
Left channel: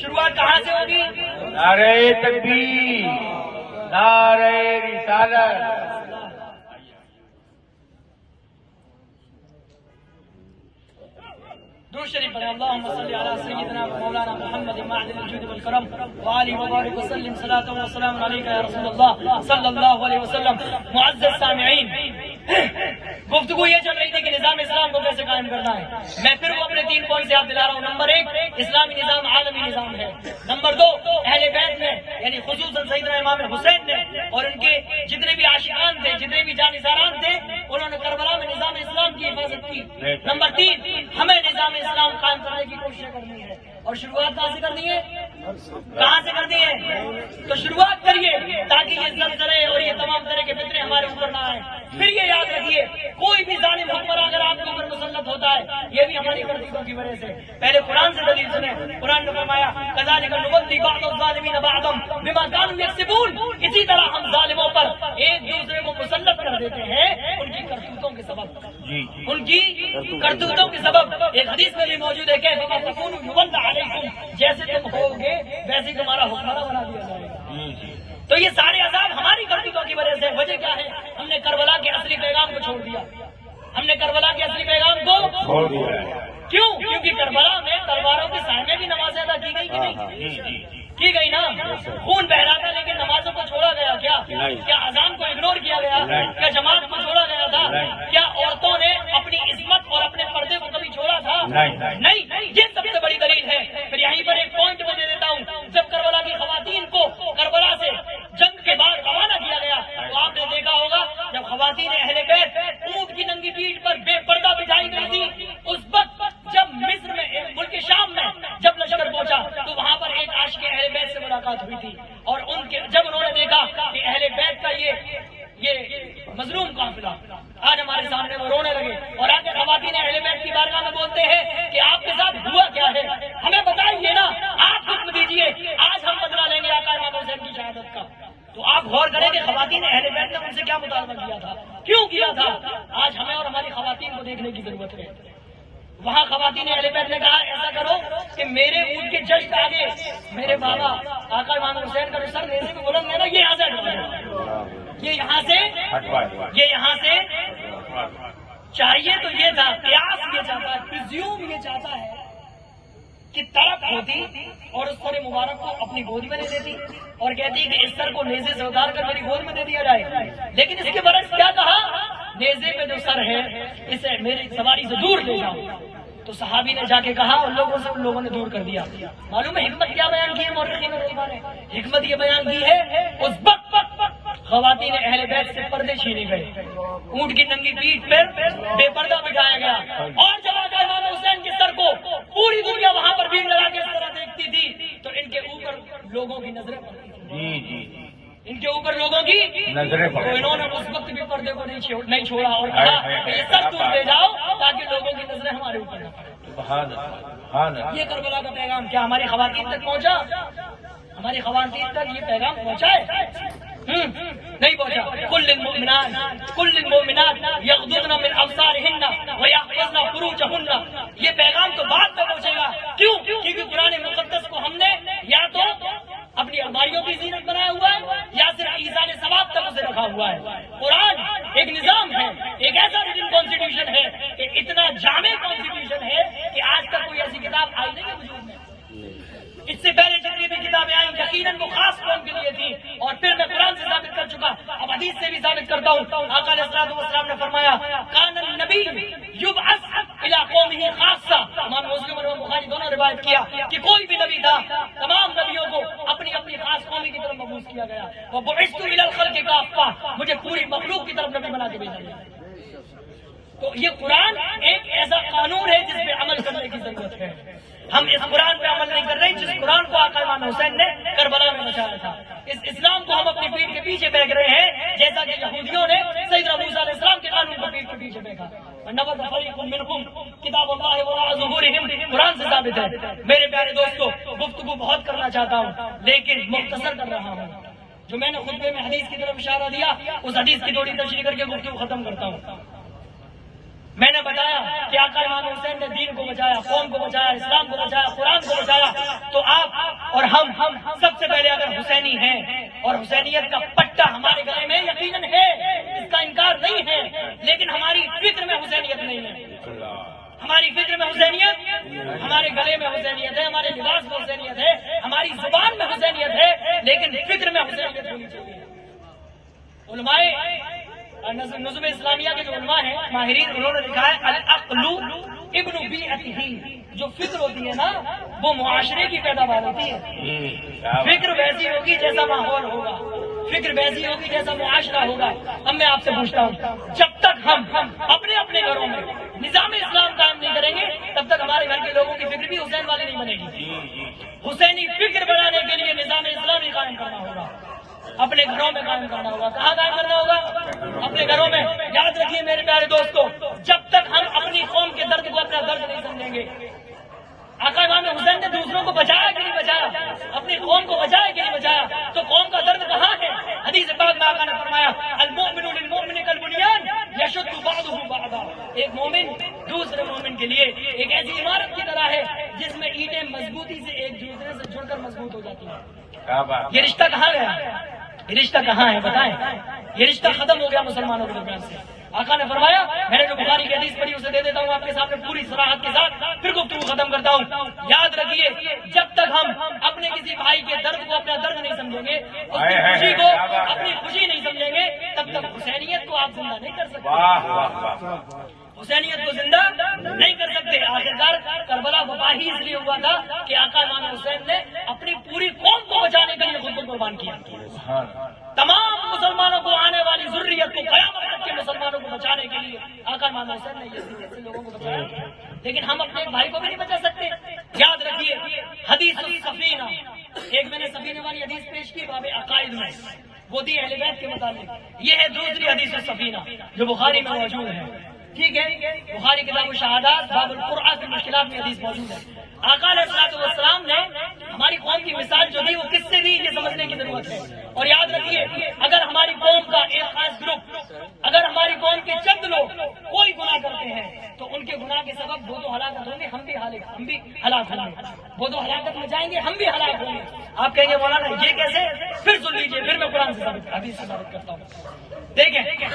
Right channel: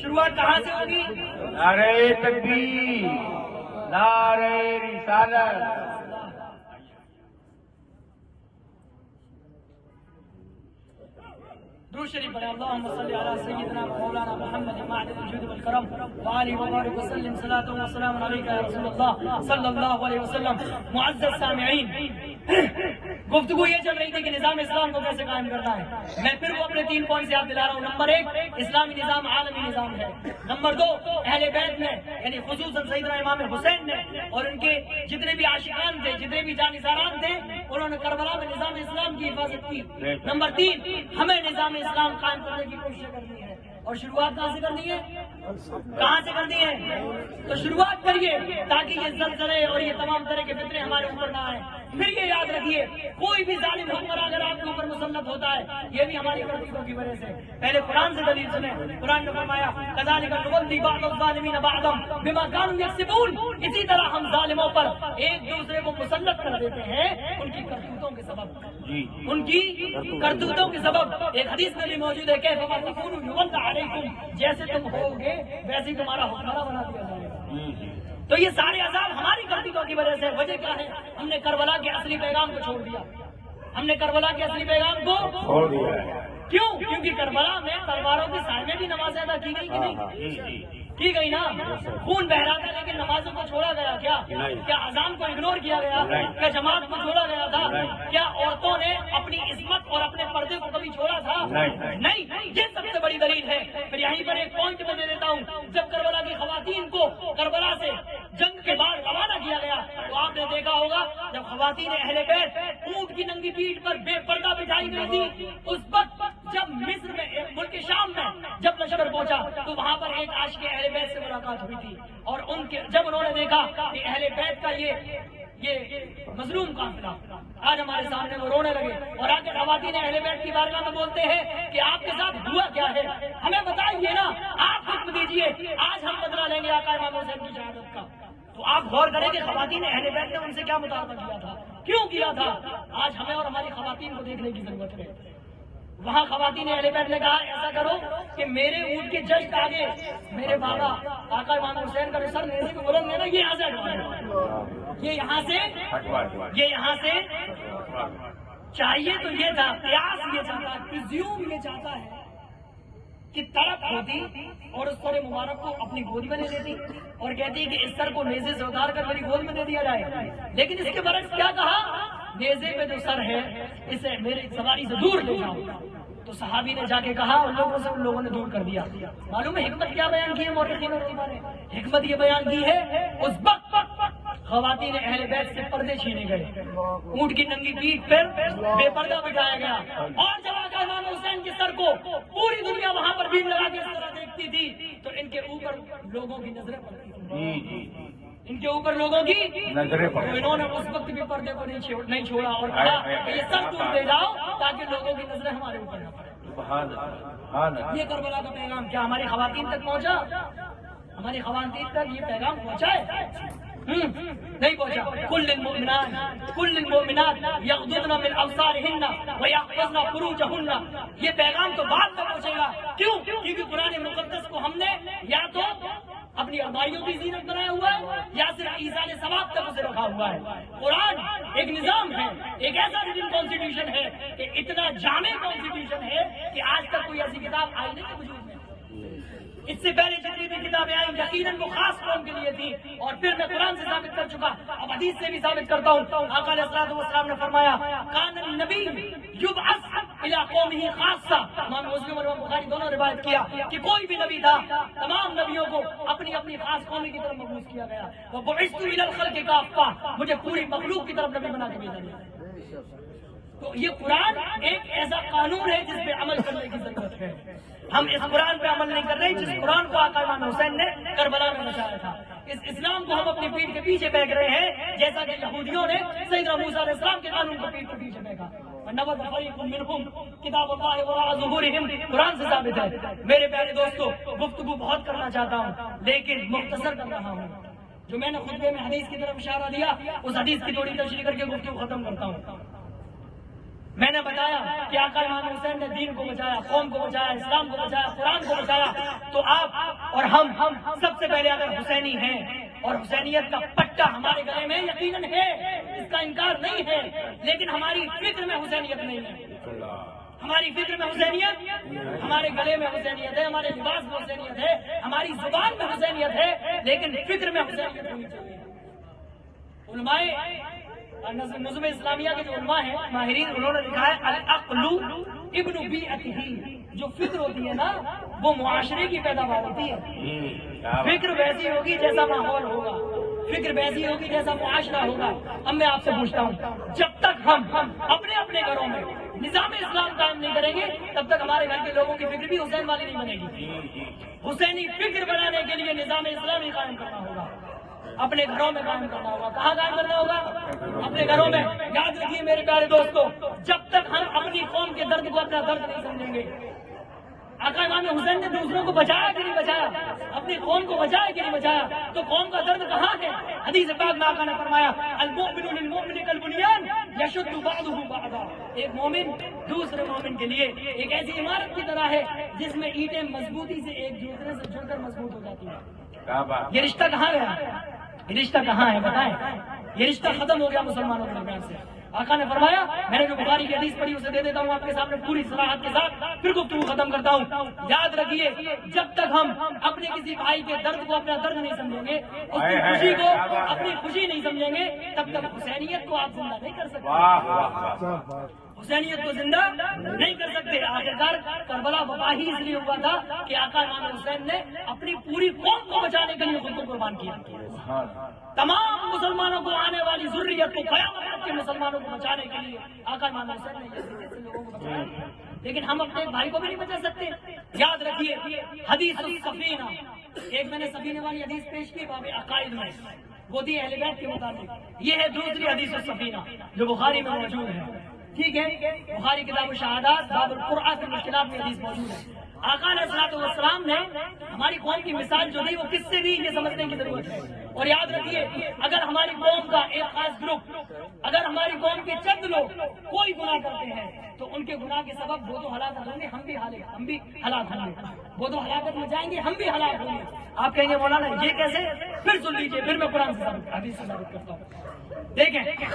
شروعات کہاں سے ہوگی؟ نعرہ تکبیر، نعرہ رسالت. درود شریف پڑھیں. اللہم صلی علی سیدنا و مولانا محمد معدن الجود والکرم وآلہ وبارک وسلم صلاۃ و سلام علیک یا رسول اللہ صلی اللہ علیہ وسلم. معزز سامعین، گفتگو یہ چل رہی تھی کہ نظام اسلام کو کیسے قائم کرنا ہے. میں پھر وہ اپنے 3 پوائنٹ سے یاد دلا رہا ہوں. نمبر 1، اسلامی نظام عالمی نظام ہے. نمبر 2، اہل بیت نے یعنی خصوصاً سیدنا امام حسین نے اور ان کے جتنے بھی عاشقان تھے، جتنے بھی جانثاران تھے، انہوں نے کربلا میں نظام اسلام کی حفاظت کی. نمبر 3، ہمیں نظام اسلام قائم کرنے کی کوشش کرنی ہے. اور شروعات کہاں سے کرنی ہے؟ کہاں سے کرنی ہے؟ تو شروعات کریے تاکہ یہ زلزلے اور یہ تمام طرح کے فتنے ہمارے اوپر نہ آئیں. پھر یہ یاد رکھیے، کوئی بھی ظالم حکمراں اگر آپ کے اوپر مسلط ہوتا ہے، یہ بھی ہماری کرتوتوں کی وجہ سے. پہلے قرآن سے دلیل سنیں. قرآن نے فرمایا کذالک نولی بعض الظالمین بعضا بما کانوا یکسبون، اسی طرح ہم ظالموں پر ایک دوسرے کو مسلط کر دیتے ہیں ان کی کرتوتوں کے سبب. ان کی کرتوتوں کے سبب. ایک حدیث میں بھی موجود ہے کہ جیسے تم ہوگے ویسے ہی تمہارا حکمراں بنا دیا جائے گا. تو یہ سارے عذاب ہماری کرتوتوں کی وجہ سے. وجہ کیا ہے؟ ہم نے کربلا کے اصلی پیغام کو چھوڑ دیا. ہم نے کربلا کے اصلی پیغام کو چھوڑ دیا. کیوں؟ کیونکہ کربلا میں تلواروں کے سائے میں بھی نمازیں ادا کی گئی کہ نہیں کی گئی نا. خون بہ رہا تھا لیکن نمازوں کو چھوڑا گیا. کیا اذان کو اگنور کیا گیا؟ کیا جماعت کو چھوڑا گیا تھا؟ کیا عورتوں نے اپنی عصمت اور اپنے پردے کو کبھی چھوڑا تھا؟ نہیں. یہ سب سے بڑی دلیل ہے. پھر یہیں پر ایک پوائنٹ میں دے دیتا ہوں. جب کربلا کی خواتین کو کربلا سے جنگ کے بعد روانہ کیا گیا تو آپ نے دیکھا ہوگا جب خواتین اہل بیت اونٹ کی ننگی پیٹھ پر بے پردہ بٹھائی گئی تھی، اس وقت جب مصر میں ملک شام میں جب لشکر پہنچا تو وہاں پر ایک عاشق اہل بیت سے ملاقات ہوئی تھی. اور جب انہوں نے دیکھا کہ اہل بیت کا یہ مظلوم قافلہ آج ہمارے سامنے، وہ رونے لگے اور آ کے خواتین اہل بیت کی بارگاہ میں بولتے ہیں کہ آپ کے ساتھ ہوا کیا ہے؟ ہمیں بتائیے نا، آپ حکم دیجیے. آج ہم بدلا لیں گے آقا امام حسین کی شہادت کا. تو آپ غور کریں کہ خواتین اہل بیت نے ان سے کیا مطالبہ کیا تھا، کیوں کیا تھا. آج ہمیں اور ہماری خواتین کو دیکھنے کی ضرورت ہے. وہاں خواتین اہل بیت نے کہا ایسا کرو کہ میرے اونٹ کے جسٹ آگے میرے بابا آقا امام حسین کا سر نیزے میں بلند ہے نا، یہ یہاں سے یہ یہاں سے چاہیے. تو یہ تھا قیاس، یہ چاہتا ہے، پرزیوم یہ چاہتا ہے کہ طرف ہوتی اور اس سر مبارک کو اپنی گود میں لے لیتی اور کہتی کہ اس سر کو نیزے سے اتار کر میری گود میں دے دیا جائے. لیکن اس کے برعکس کیا کہا؟ نیزے پہ جو سر ہے اسے میری سواری سے دور لے جاؤ. تو صحابی نے جا کے کہا ان لوگوں نے دور کر دیا. معلوم ہے حکمت کیا بیان کی ہے مورخین نے؟ حکمت یہ بیان کی ہے اس وقت خواتین اہل بیت سے پردے چھینے گئے، اونٹ کی ننگی پیٹھ پر بے پردہ بٹھایا گیا. اور جب آقا امام حسین کے سر کو پوری دنیا وہاں پر بھیڑ لگا کے اس طرح دیکھتی تھی تو ان کے اوپر لوگوں کی نظریں پڑتی تھی. ان کے اوپر لوگوں کی نظریں تو انہوں نے اس وقت بھی پردے کو نہیں چھوڑا اور کہا کہ یہ سر دور لے جاؤ تاکہ لوگوں کی نظریں ہمارے اوپر نہ پڑیں. یہ کربلا کا پیغام کیا ہماری خواتین تک پہنچا؟ ہماری خواتین تک یہ پیغام پہنچا ہے؟ نہیں پہنچا. کل المؤمنات یغضضن من ابصارهن ویحفظن فروجهن، یہ پیغام تو بعد میں پہنچے گا. کیوں؟ کیونکہ قرآن مقدس کو ہم نے یا تو اپنی الماریوں کی زینت بنایا ہوا ہے یا صرف ایزان ثواب تک اسے رکھا ہوا ہے. قرآن ایک نظام ہے، ایک ایسا ریٹن کانسٹیٹیوشن ہے کہ اتنا جامع کانسٹیٹیوشن ہے کہ آج تک کوئی ایسی کتاب آئی نہیں ہے وجود میں. اس سے پہلے جتنی بھی کتابیں آئیں یقیناً وہ خاص قوم کے لیے تھی، اور پھر میں قرآن سے ثابت کر چکا، اب حدیث سے بھی ثابت کرتا ہوں۔ آقا علیہ الصلوۃ والسلام نے فرمایا کان النبی یبعث الی قومہ خاصہ، امام مسلم اور امام بخاری دونوں روایت کیا کہ کوئی بھی نبی تھا تمام نبیوں کو اپنی اپنی خاص قوم کی طرف مبعوث کیا گیا، وبعثت الی الخلق کافہ، مجھے پوری مخلوق کی طرف نبی بنا کے بھیجا گیا۔ تو یہ قرآن ایک ایسا قانون ہے جس پہ عمل کرنے کی ضرورت ہے۔ ہم اس قرآن پہ عمل نہیں کر رہے جس قرآن کو آقا امام حسین نے کربلا میں بچایا تھا۔ اس اسلام کو ہم اپنی پیٹھ کے پیچھے پھینک رہے ہیں جیسا کہ یہودیوں نے سیدنا موسیٰ علیہ السلام کے قانون کو پیٹھ کے پیچھے پھینکا۔ نبذ فریق منہم کتاب اللہ وراء ظہورہم، قرآن سے ثابت ہے۔ میرے پیارے دوستو، گفتگو بہت کرنا چاہتا ہوں لیکن مختصر کر رہا ہوں۔ جو میں نے خطبے میں حدیث کی طرف اشارہ دیا اس حدیث کی تھوڑی تشریح کر کے گفتگو ختم کرتا ہوں۔ میں نے بتایا کہ آقا امام حسین نے دین کو بچایا، قوم کو بچایا، اسلام کو بچایا، قرآن کو بچایا۔ تو آپ اور ہم سب سے پہلے اگر حسینی ہیں اور حسینیت کا پٹا ہمارے گلے میں یقیناً ہے، اس کا انکار نہیں ہے، لیکن ہماری فکر میں حسینیت نہیں ہے۔ ہماری فکر میں حسینیت، ہمارے گلے میں حسینیت ہے، ہمارے لباس میں حسینیت ہے، ہماری زبان میں حسینیت ہے، لیکن فکر میں حسینیت ہونی چاہیے۔ علماء نظم اسلامیہ کے جو علماء ہیں ماہرین، انہوں نے لکھا ہے العقل ابن بیعتہ، جو فکر ہوتی ہے نا وہ معاشرے کی پیداوار ہوتی ہے۔ فکر ویسی ہوگی جیسا ماحول ہوگا، فکر ویسی ہوگی جیسا معاشرہ ہوگا۔ اب میں آپ سے پوچھتا ہوں، جب تک ہم اپنے اپنے گھروں میں نظام اسلام قائم نہیں کریں گے تب تک ہمارے گھر کے لوگوں کی فکر بھی حسین والی نہیں بنے گی۔ حسینی فکر بنانے کے لیے نظام اسلامی قائم کرنا ہوگا، اپنے گھروں میں قائم کرنا ہوگا۔ کہاں قائم کرنا ہوگا؟ اپنے گھروں میں۔ یاد رکھیے میرے پیارے دوستو، جب تک ہم اپنی قوم کے درد کو اپنا درد نہیں سمجھیں گے۔ آقا امام حسین نے دوسروں کو بچایا کہ نہیں بچایا، اپنی قوم کو بچایا کہ نہیں بچایا، تو قوم کا درد کہاں ہے؟ حدیث پاک میں آقا نے فرمایا المؤمن للمؤمن کالبنیان یشد بعضہ بعضا، ایک مومن دوسرے مومن کے لیے ایک ایسی عمارت کی طرح ہے جس میں اینٹیں مضبوطی سے ایک دوسرے سے جڑ کر مضبوط ہو جاتی ہیں۔ یہ رشتہ کہاں گیا؟ یہ رشتہ کہاں ہے بتائیں؟ یہ رشتہ ختم ہو گیا مسلمانوں کے درمیان سے۔ آقا نے فرمایا، میں نے جو بخاری کی حدیث پڑھی اسے دے دیتا ہوں آپ کے سامنے پوری صراحت کے ساتھ، پھر گفتگو ختم کرتا ہوں۔ یاد رکھیے، جب تک ہم اپنے کسی بھائی کے درد کو اپنا درد نہیں سمجھیں گے، اس کی خوشی کو اپنی خوشی نہیں سمجھیں گے، تب تک حسینیت کو آپ زندہ نہیں کر سکتے۔ حسینیت کو زندہ نہیں کر سکتے۔ آخرکار کربلا وبا ہی اس لیے ہوا تھا کہ آقا امام حسین نے اپنی پوری قوم کو بچانے کے لیے خود کو قربان کیا۔ تمام مسلمانوں کو، آنے والی ذریت کو، قیامت تک کے مسلمانوں کو بچانے کے لیے آقا امام حسین نے یہ لوگوں کو بچایا، لیکن ہم اپنے بھائی کو بھی نہیں بچا سکتے۔ یاد رکھیے حدیث السفینہ، ایک میں نے سفینے والی حدیث پیش کی باب عقائد میں، وہ تھی اہل بیت کے متعلق۔ یہ ہے دوسری حدیث السفینہ جو بخاری میں موجود ہے، ٹھیک ہے؟ بخاری کتاب الشہادات باب القرآن کی مشکلات میں حدیث موجود ہے۔ آقا علیہ الصلوۃ والسلام نے ہماری قوم کی مثال جو دی وہ کس سے بھی یہ سمجھنے کی ضرورت ہے۔ اور یاد رکھیے، اگر ہماری قوم کا ایک خاص گروپ، اگر ہماری قوم کے چند لوگ کوئی گناہ کرتے ہیں تو ان کے گناہ کے سبب وہ تو ہلاکت ہوں گے، ہم بھی ہلاک ہوں گے، وہ تو ہلاکت میں جائیں گے، ہم بھی ہلاک ہوں گے۔ آپ کہیں گے مولانا یہ کیسے؟ پھر سن لیجیے، پھر میں قرآن سے حدیث سے ثابت کرتا ہوں۔ دیکھیں،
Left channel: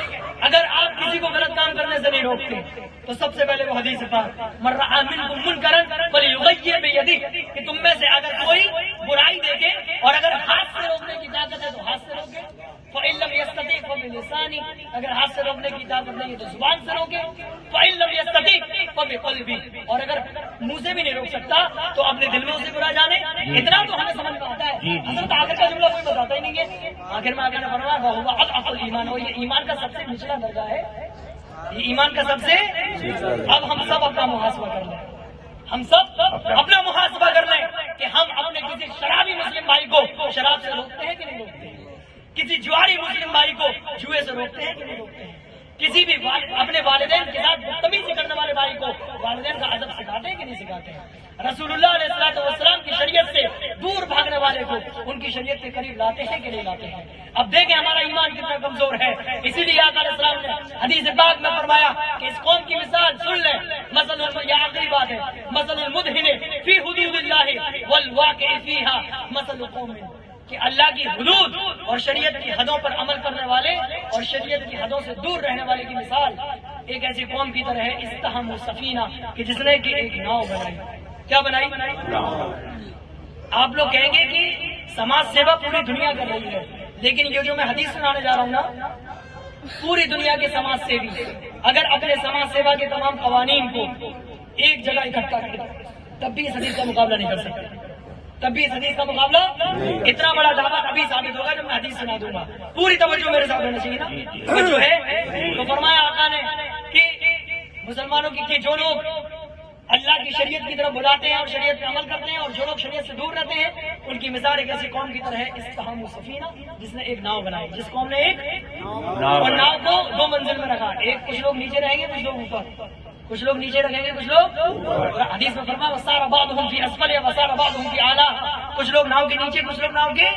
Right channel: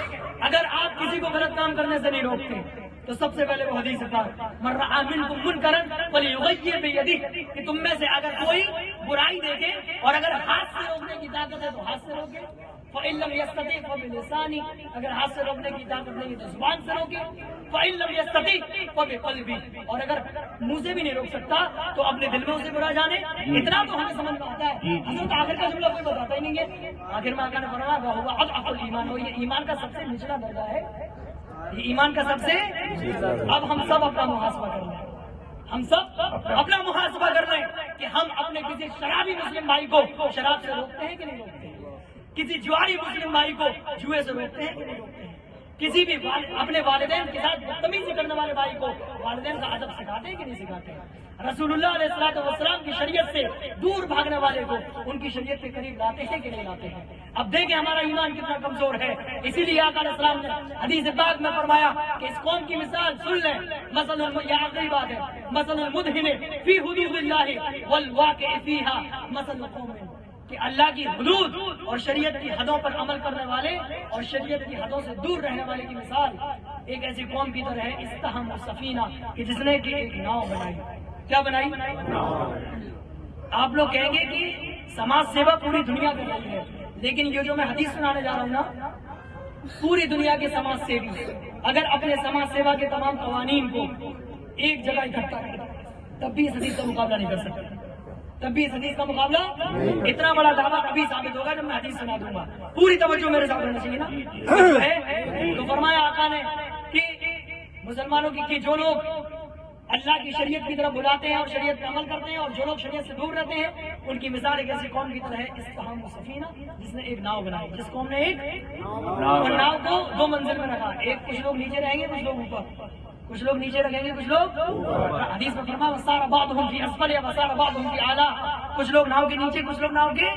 اگر آپ کسی کو غلط کام کرنے سے نہیں روکتے تو سب سے پہلے وہ حدیث پاک من رأى منکم منکرا فلیغیر بیدہ، کہ تم میں سے اگر کوئی برائی دیکھے اور اگر ہاتھ سے روکنے کی طاقت ہے تو ہاتھ سے روکے، فإن لم يستطع فبلسانہ، اگر ہاتھ سے روکنے کی طاقت نہیں ہے تو زبان سے روکے، فإن لم يستطع فبقلبہ، اور اگر منہ سے بھی نہیں روک سکتا تو اپنے دل میں اسے برا جانے۔ اتنا تو ہمیں سمجھ میں آتا ہے، حضرت آخر کا جملہ کوئی بتاتا ہی نہیں ہے۔ آخر میں آقا نے فرمایا وہ اضعف الایمان، اور یہ ایمان کا سب سے نچلا درجہ ہے، یہ ایمان کا سب سے۔ اب ہم سب اپنا محاسبہ کر لیں، ہم سب اپنا محاسبہ کر لیں کہ ہم اپنے کسی شرابی مسلم بھائی کو شراب سے روکتے ہیں کہ نہیں روکتے ہیں، کسی جواری مسلم بھائی کو جوئے سے روکتے ہیں کہ نہیں روکتے ہیں، کسی بھی اپنے والدین کے ساتھ بدتمیزی کرنے والے بھائی کو والدین کا ادب سکھاتے ہیں کہ نہیں سکھاتے ہیں، رسول اللہ علیہ الصلوۃ والسلام کی شریعت سے دور بھاگنے والے کو ان کی شریعت کے قریب لاتے ہیں کہ نہیں لاتے ہیں۔ اب دیکھیں ہمارا ایمان کتنا کمزور ہے، اسی لیے آقا علیہ السلام نے حدیث پاک میں فرمایا کہ اس قوم کی مثال سن لیں، مثلا یہ آخری بات ہے، مثل المدہن فی حدود اللہ والواقع فیہا مثل قوم، کہ اللہ کی حدود اور شریعت کی حدوں پر عمل کرنے والے اور شریعت کی حدوں سے دور رہنے والے کی مثال ایک ایسی قوم کی طرح ہے استحموا السفینہ، کہ جس نے کہ ایک ناؤ بنائی۔ کیا بنائی؟ آپ لوگ کہیں گے کہ سماج سیوا پوری دنیا کر رہی ہے، لیکن یہ جو میں حدیث سنانے جا رہا ہوں نا، پوری دنیا کے سماج سیوی اگر اپنے سماج سیوا کے تمام قوانین کو ایک جگہ اکٹھا کریں تب بھی اس حدیث کا مقابلہ نہیں کر سکتے، تب بھی اس حدیث کا مقابلہ اتنا بڑا دعویٰ ابھی ثابت ہوگا جب میں حدیث سنا دوں گا. پوری توجہ میرے ساتھ ہونا چاہیے نا. جو ہے تو فرمایا آقا نے کہ مسلمانوں کی کہ جو لوگ اللہ کی شریعت کی طرف بلاتے ہیں اور شریعت کا عمل کرتے ہیں اور جو لوگ شریعت سے دور رہتے ہیں ان کی مثال ایک ایسی قوم کی طرح ہے استحام سفینہ، جس نے ایک ناؤ بنائی، جس قوم نے ایک اور ناؤ کو 2 منزل میں رکھا، ایک کچھ لوگ نیچے رہیں گے کچھ لوگ اوپر، کچھ لوگ نیچے رکھیں گے کچھ لوگ حدیث میں فرمایا وصار بعضهم فی اسفل وصار بعضهم فی اعلی، کچھ لوگ ناؤ کے نیچے کچھ لوگ ناؤ کے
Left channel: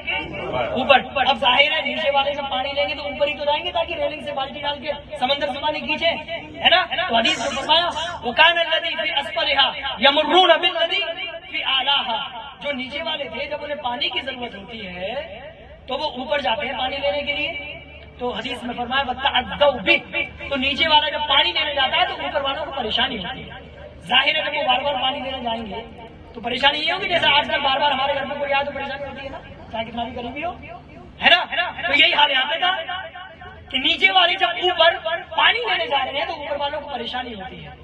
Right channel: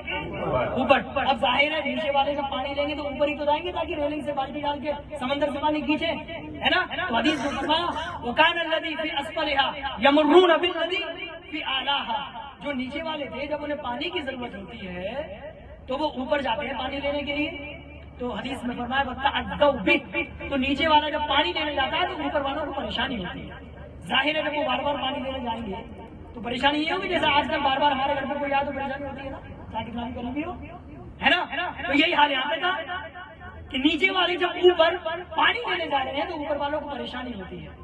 اوپر. اب ظاہر ہے نیچے والے جب پانی لیں گے تو اوپر ہی تو جائیں گے تاکہ ریلنگ سے بالٹی ڈال کے سمندر سے پانی کھینچے، ہے نا. تو حدیث میں فرمایا وکان الذی فی اسفلها یمرون بالذی فی اعلیها، جو نیچے والے تھے جب انہیں پانی کی ضرورت ہوتی ہے تو وہ اوپر جاتے ہیں پانی لینے کے لیے. تو حدیث میں فرمایا وتعدوا بہ، تو نیچے والا جب پانی لینے جاتا ہے تو اوپر والوں کو پریشانی ہوتی ہے. ظاہر ہے جب وہ بار بار پانی لینے جائیں گے تو پریشانی یہ ہوگی جیسے آج کل بار بار ہمارے گھر میں کوئی آئے تو پریشانی ہوتی ہے نا، چاہے کتنا بھی قریبی ہو، ہے نا. تو یہی حال یہاں پہ تھا کہ نیچے والے جب اوپر پانی لینے جا رہے ہیں تو اوپر والوں کو پریشانی ہوتی ہے.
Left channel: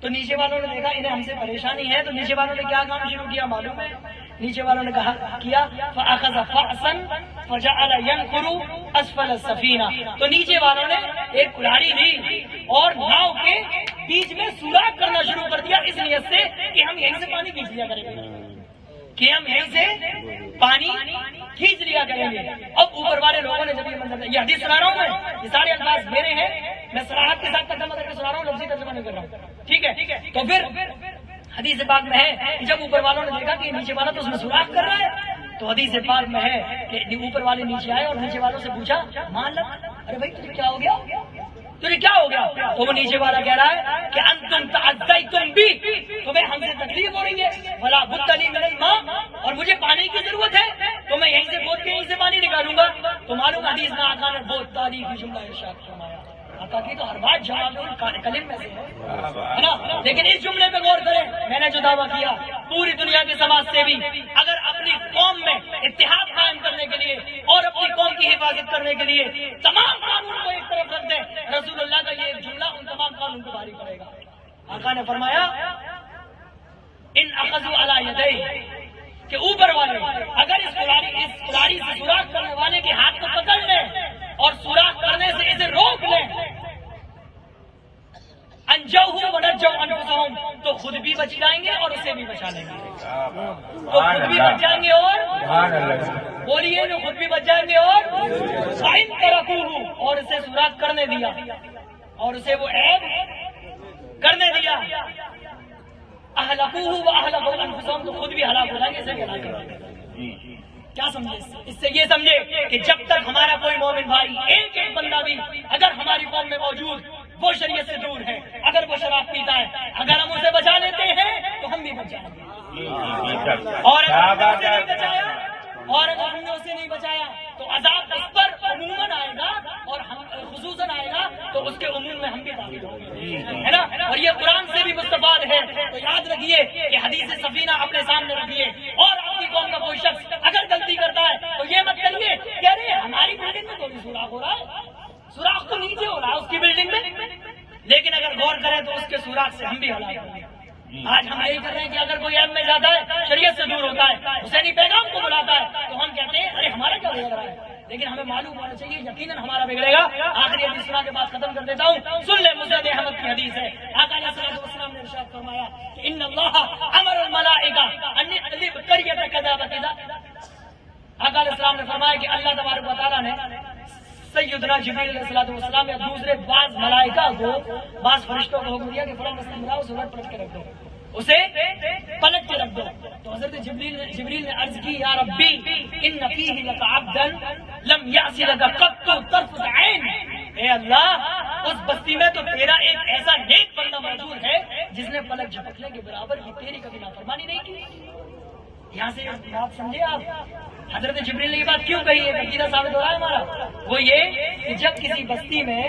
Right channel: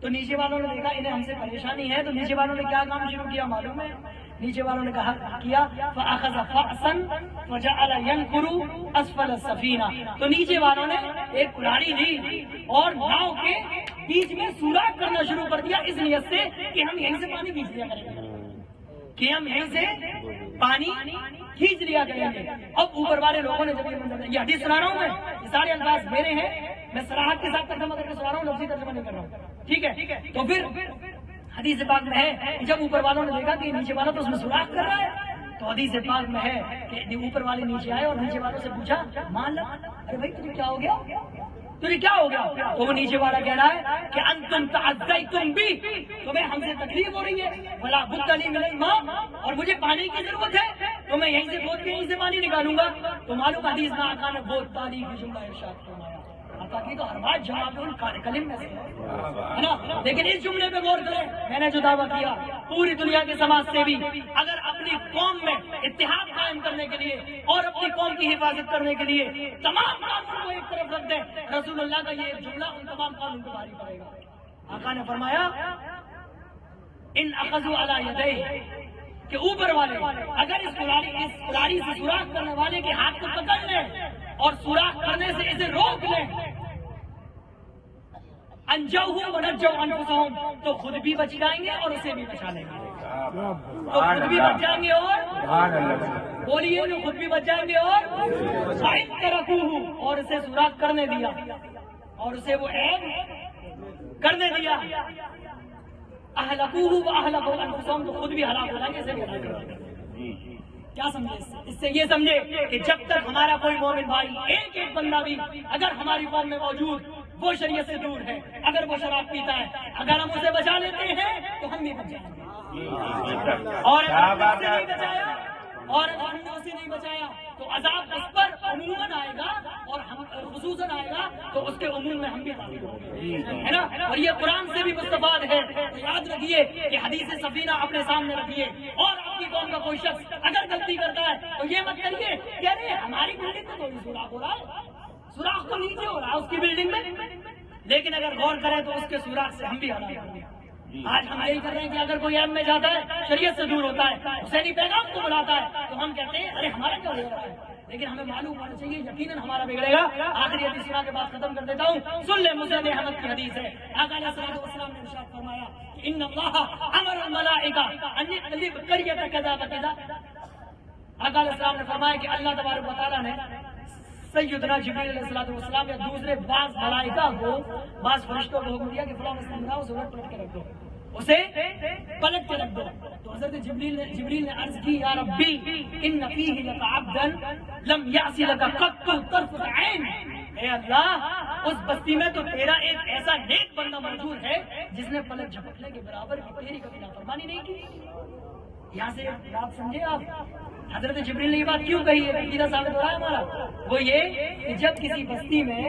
تو نیچے والوں نے دیکھا انہیں ہم سے پریشانی ہے، تو نیچے والوں نے کیا کام شروع کیا معلوم ہے؟ نیچے والوں نے کہا کیا فاخذ فأسا فجعل ينقر اسفل السفینہ، تو نیچے والوں نے ایک کلاڑی لی اور ناؤ کے بیچ میں سوراخ کرنا شروع کر دیا اس نیت سے کہ ہم یہیں سے پانی کھینچ لیا کریں گے، کہ ہم یہیں سے پانی کھینچ لیا کریں گے. اب اوپر والے لوگوں نے جب یہ منظر، یہ حدیث سنا رہا ہوں میں، یہ سارے الفاظ میرے ہیں، میں صراحت کے ساتھ ترجمہ کر کے سنا رہا ہوں، لفظی ترجمہ نہیں کر رہا ہوں، ٹھیک ہے. تو پھر حدیث پاک میں ہے کہ جب اوپر والوں نے دیکھا کہ نیچے والا تو اس میں سوراخ کر رہا ہے تو حدیث پاک میں ہے کہ اوپر والے نیچے آئے اور نیچے والوں سے پوچھا مان لگ، ارے بھائی تجھے کیا ہو گیا، تجھے کیا ہو گیا؟ تو وہ نیچے والا کہہ رہا ہے کہ انتم تعدیتم بی، تمہیں ہم سے تکلیف ہو رہی ہے، ولا بد لی من الماء، اور مجھے پانی کی ضرورت ہے تو میں یہیں سے بوت کے یہیں سے پانی نکالوں گا. تو معلوم حدیث میں آقا نے بہت تعریف جملہ ارشاد فرمایا، آقا کی تو ہر بات جواب کلم میں سے ہے نا. لیکن اس جملے پہ غور کریں، میں نے جو دعویٰ کیا پوری دنیا کے سماج سیوی اگر اپنی قوم میں اتحاد قائم کرنے کے لیے اور اپنی قوم کی حفاظت کرنے کے لیے تمام قانون کو ایک طرف رکھ دیں، رسول اللہ کا یہ ایک جملہ ان تمام قانون کو بھاری پڑے گا. آقا نے فرمایا ان اخذوا علی یدیہ، کہ اوپر والے اگر اس کلاڑی سے سوراخ کرنے والے کے ہاتھ کو پکڑ لیں اور سوراخ کرنے سے اسے روک لیں، انجوہ ونجوا انفسہم، تو خود بھی بچ جائیں گے اور اسے بھی بچا لیں گے. تو خود بھی بچ جائیں گے اور بولیے جو خود بھی بچ جائیں گے اور فَإِن تَرَكُوهُ، اور اسے سوراخ کرنے دیا اور اسے وہ عیب کرنے دیا، اہلکوہ واہلکوا انفسہم، تو خود بھی ہلاک ہو جائیں گے، اسے بھی ہلاک کر دیں گے. کیا سمجھے اس سے یہ سمجھے کہ جب تک ہمارا کوئی مومن بھائی ایک ایک بندہ بھی اگر ہماری قوم میں موجود وہ شریعت سے دور ہے، اگر وہ شراب پیتا ہے، اگر ہم اسے بچا لیتے ہیں تو ہم بھی بچ جائیں گے. اور اگر ہم نے اسے نہیں بچایا تو عذاب اس پر عموماً آئے گا اور ہم خصوصاً آئے گا تو اس کے عموم میں ہم بھی داخل ہوں گے، ہے نا. اور یہ قرآن سے بھی مستفاد ہے. تو یاد رکھیے کہ حدیث سفینہ اپنے سامنے رکھیے، اور اپنی قوم کا کوئی شخص اگر غلطی کرتا ہے تو یہ مت کریے کہ ارے ہماری بلڈنگ میں کوئی سوراخ ہو رہا ہے، سوراخ تو نیچے ہو رہا ہے اس کی بلڈنگ میں، لیکن اگر غور کریں تو اس کے سوراخ سے ہم بھی ہلاک ہوں گے. آج ہم یہی کر رہے ہیں کہ اگر کوئی ایم میں جاتا ہے شریعت سے دور ہوتا ہے، حسینی پیغام کو بلاتا ہے تو ہم کہتے ہیں ارے ہمارا کیا بگڑ رہا ہے، لیکن ہمیں معلوم ہونا چاہیے یقیناً ہمارا بگڑے گا. آخری حدیث سنا کے بعد ختم کر دیتا ہوں، سن لیں مسند احمد کی حدیث ہے. آقا علیہ الصلوۃ والسلام نے ارشاد فرمایا کہ ان اللہ امر الملائکہ ان یقلب قریۃ کذا وکذا. آقا علیہ السلام نے فرمایا کہ اللہ تبارک و تعالیٰ نے سیدنا جبریل علیہ الصلوۃ والسلام یا دوسرے بعض ملائکہ کو، بعض فرشتوں کو حکم دیا کہ فلاں بستی میں جاؤ، سورج پلٹ کے رکھ دو، اسے پلٹ کے رکھ دو. تو حضرت جبریل نے عرض کی یا ربی ان فیہ لک عبدا لم یعص لک قط طرفۃ عین، اے اللہ اس بستی میں تو تیرا ایک ایسا نیک بندہ موجود ہے جس نے پلک جھپکنے کے برابر کی تیری کبھی نافرمانی نہیں کی. یہاں سے بات سمجھے آپ، حضرت جبریل نے یہ بات کیوں کہی ہے، عقیدہ ثابت ہو رہا ہے ہمارا. وہ یہ کہ جب کسی بستی میں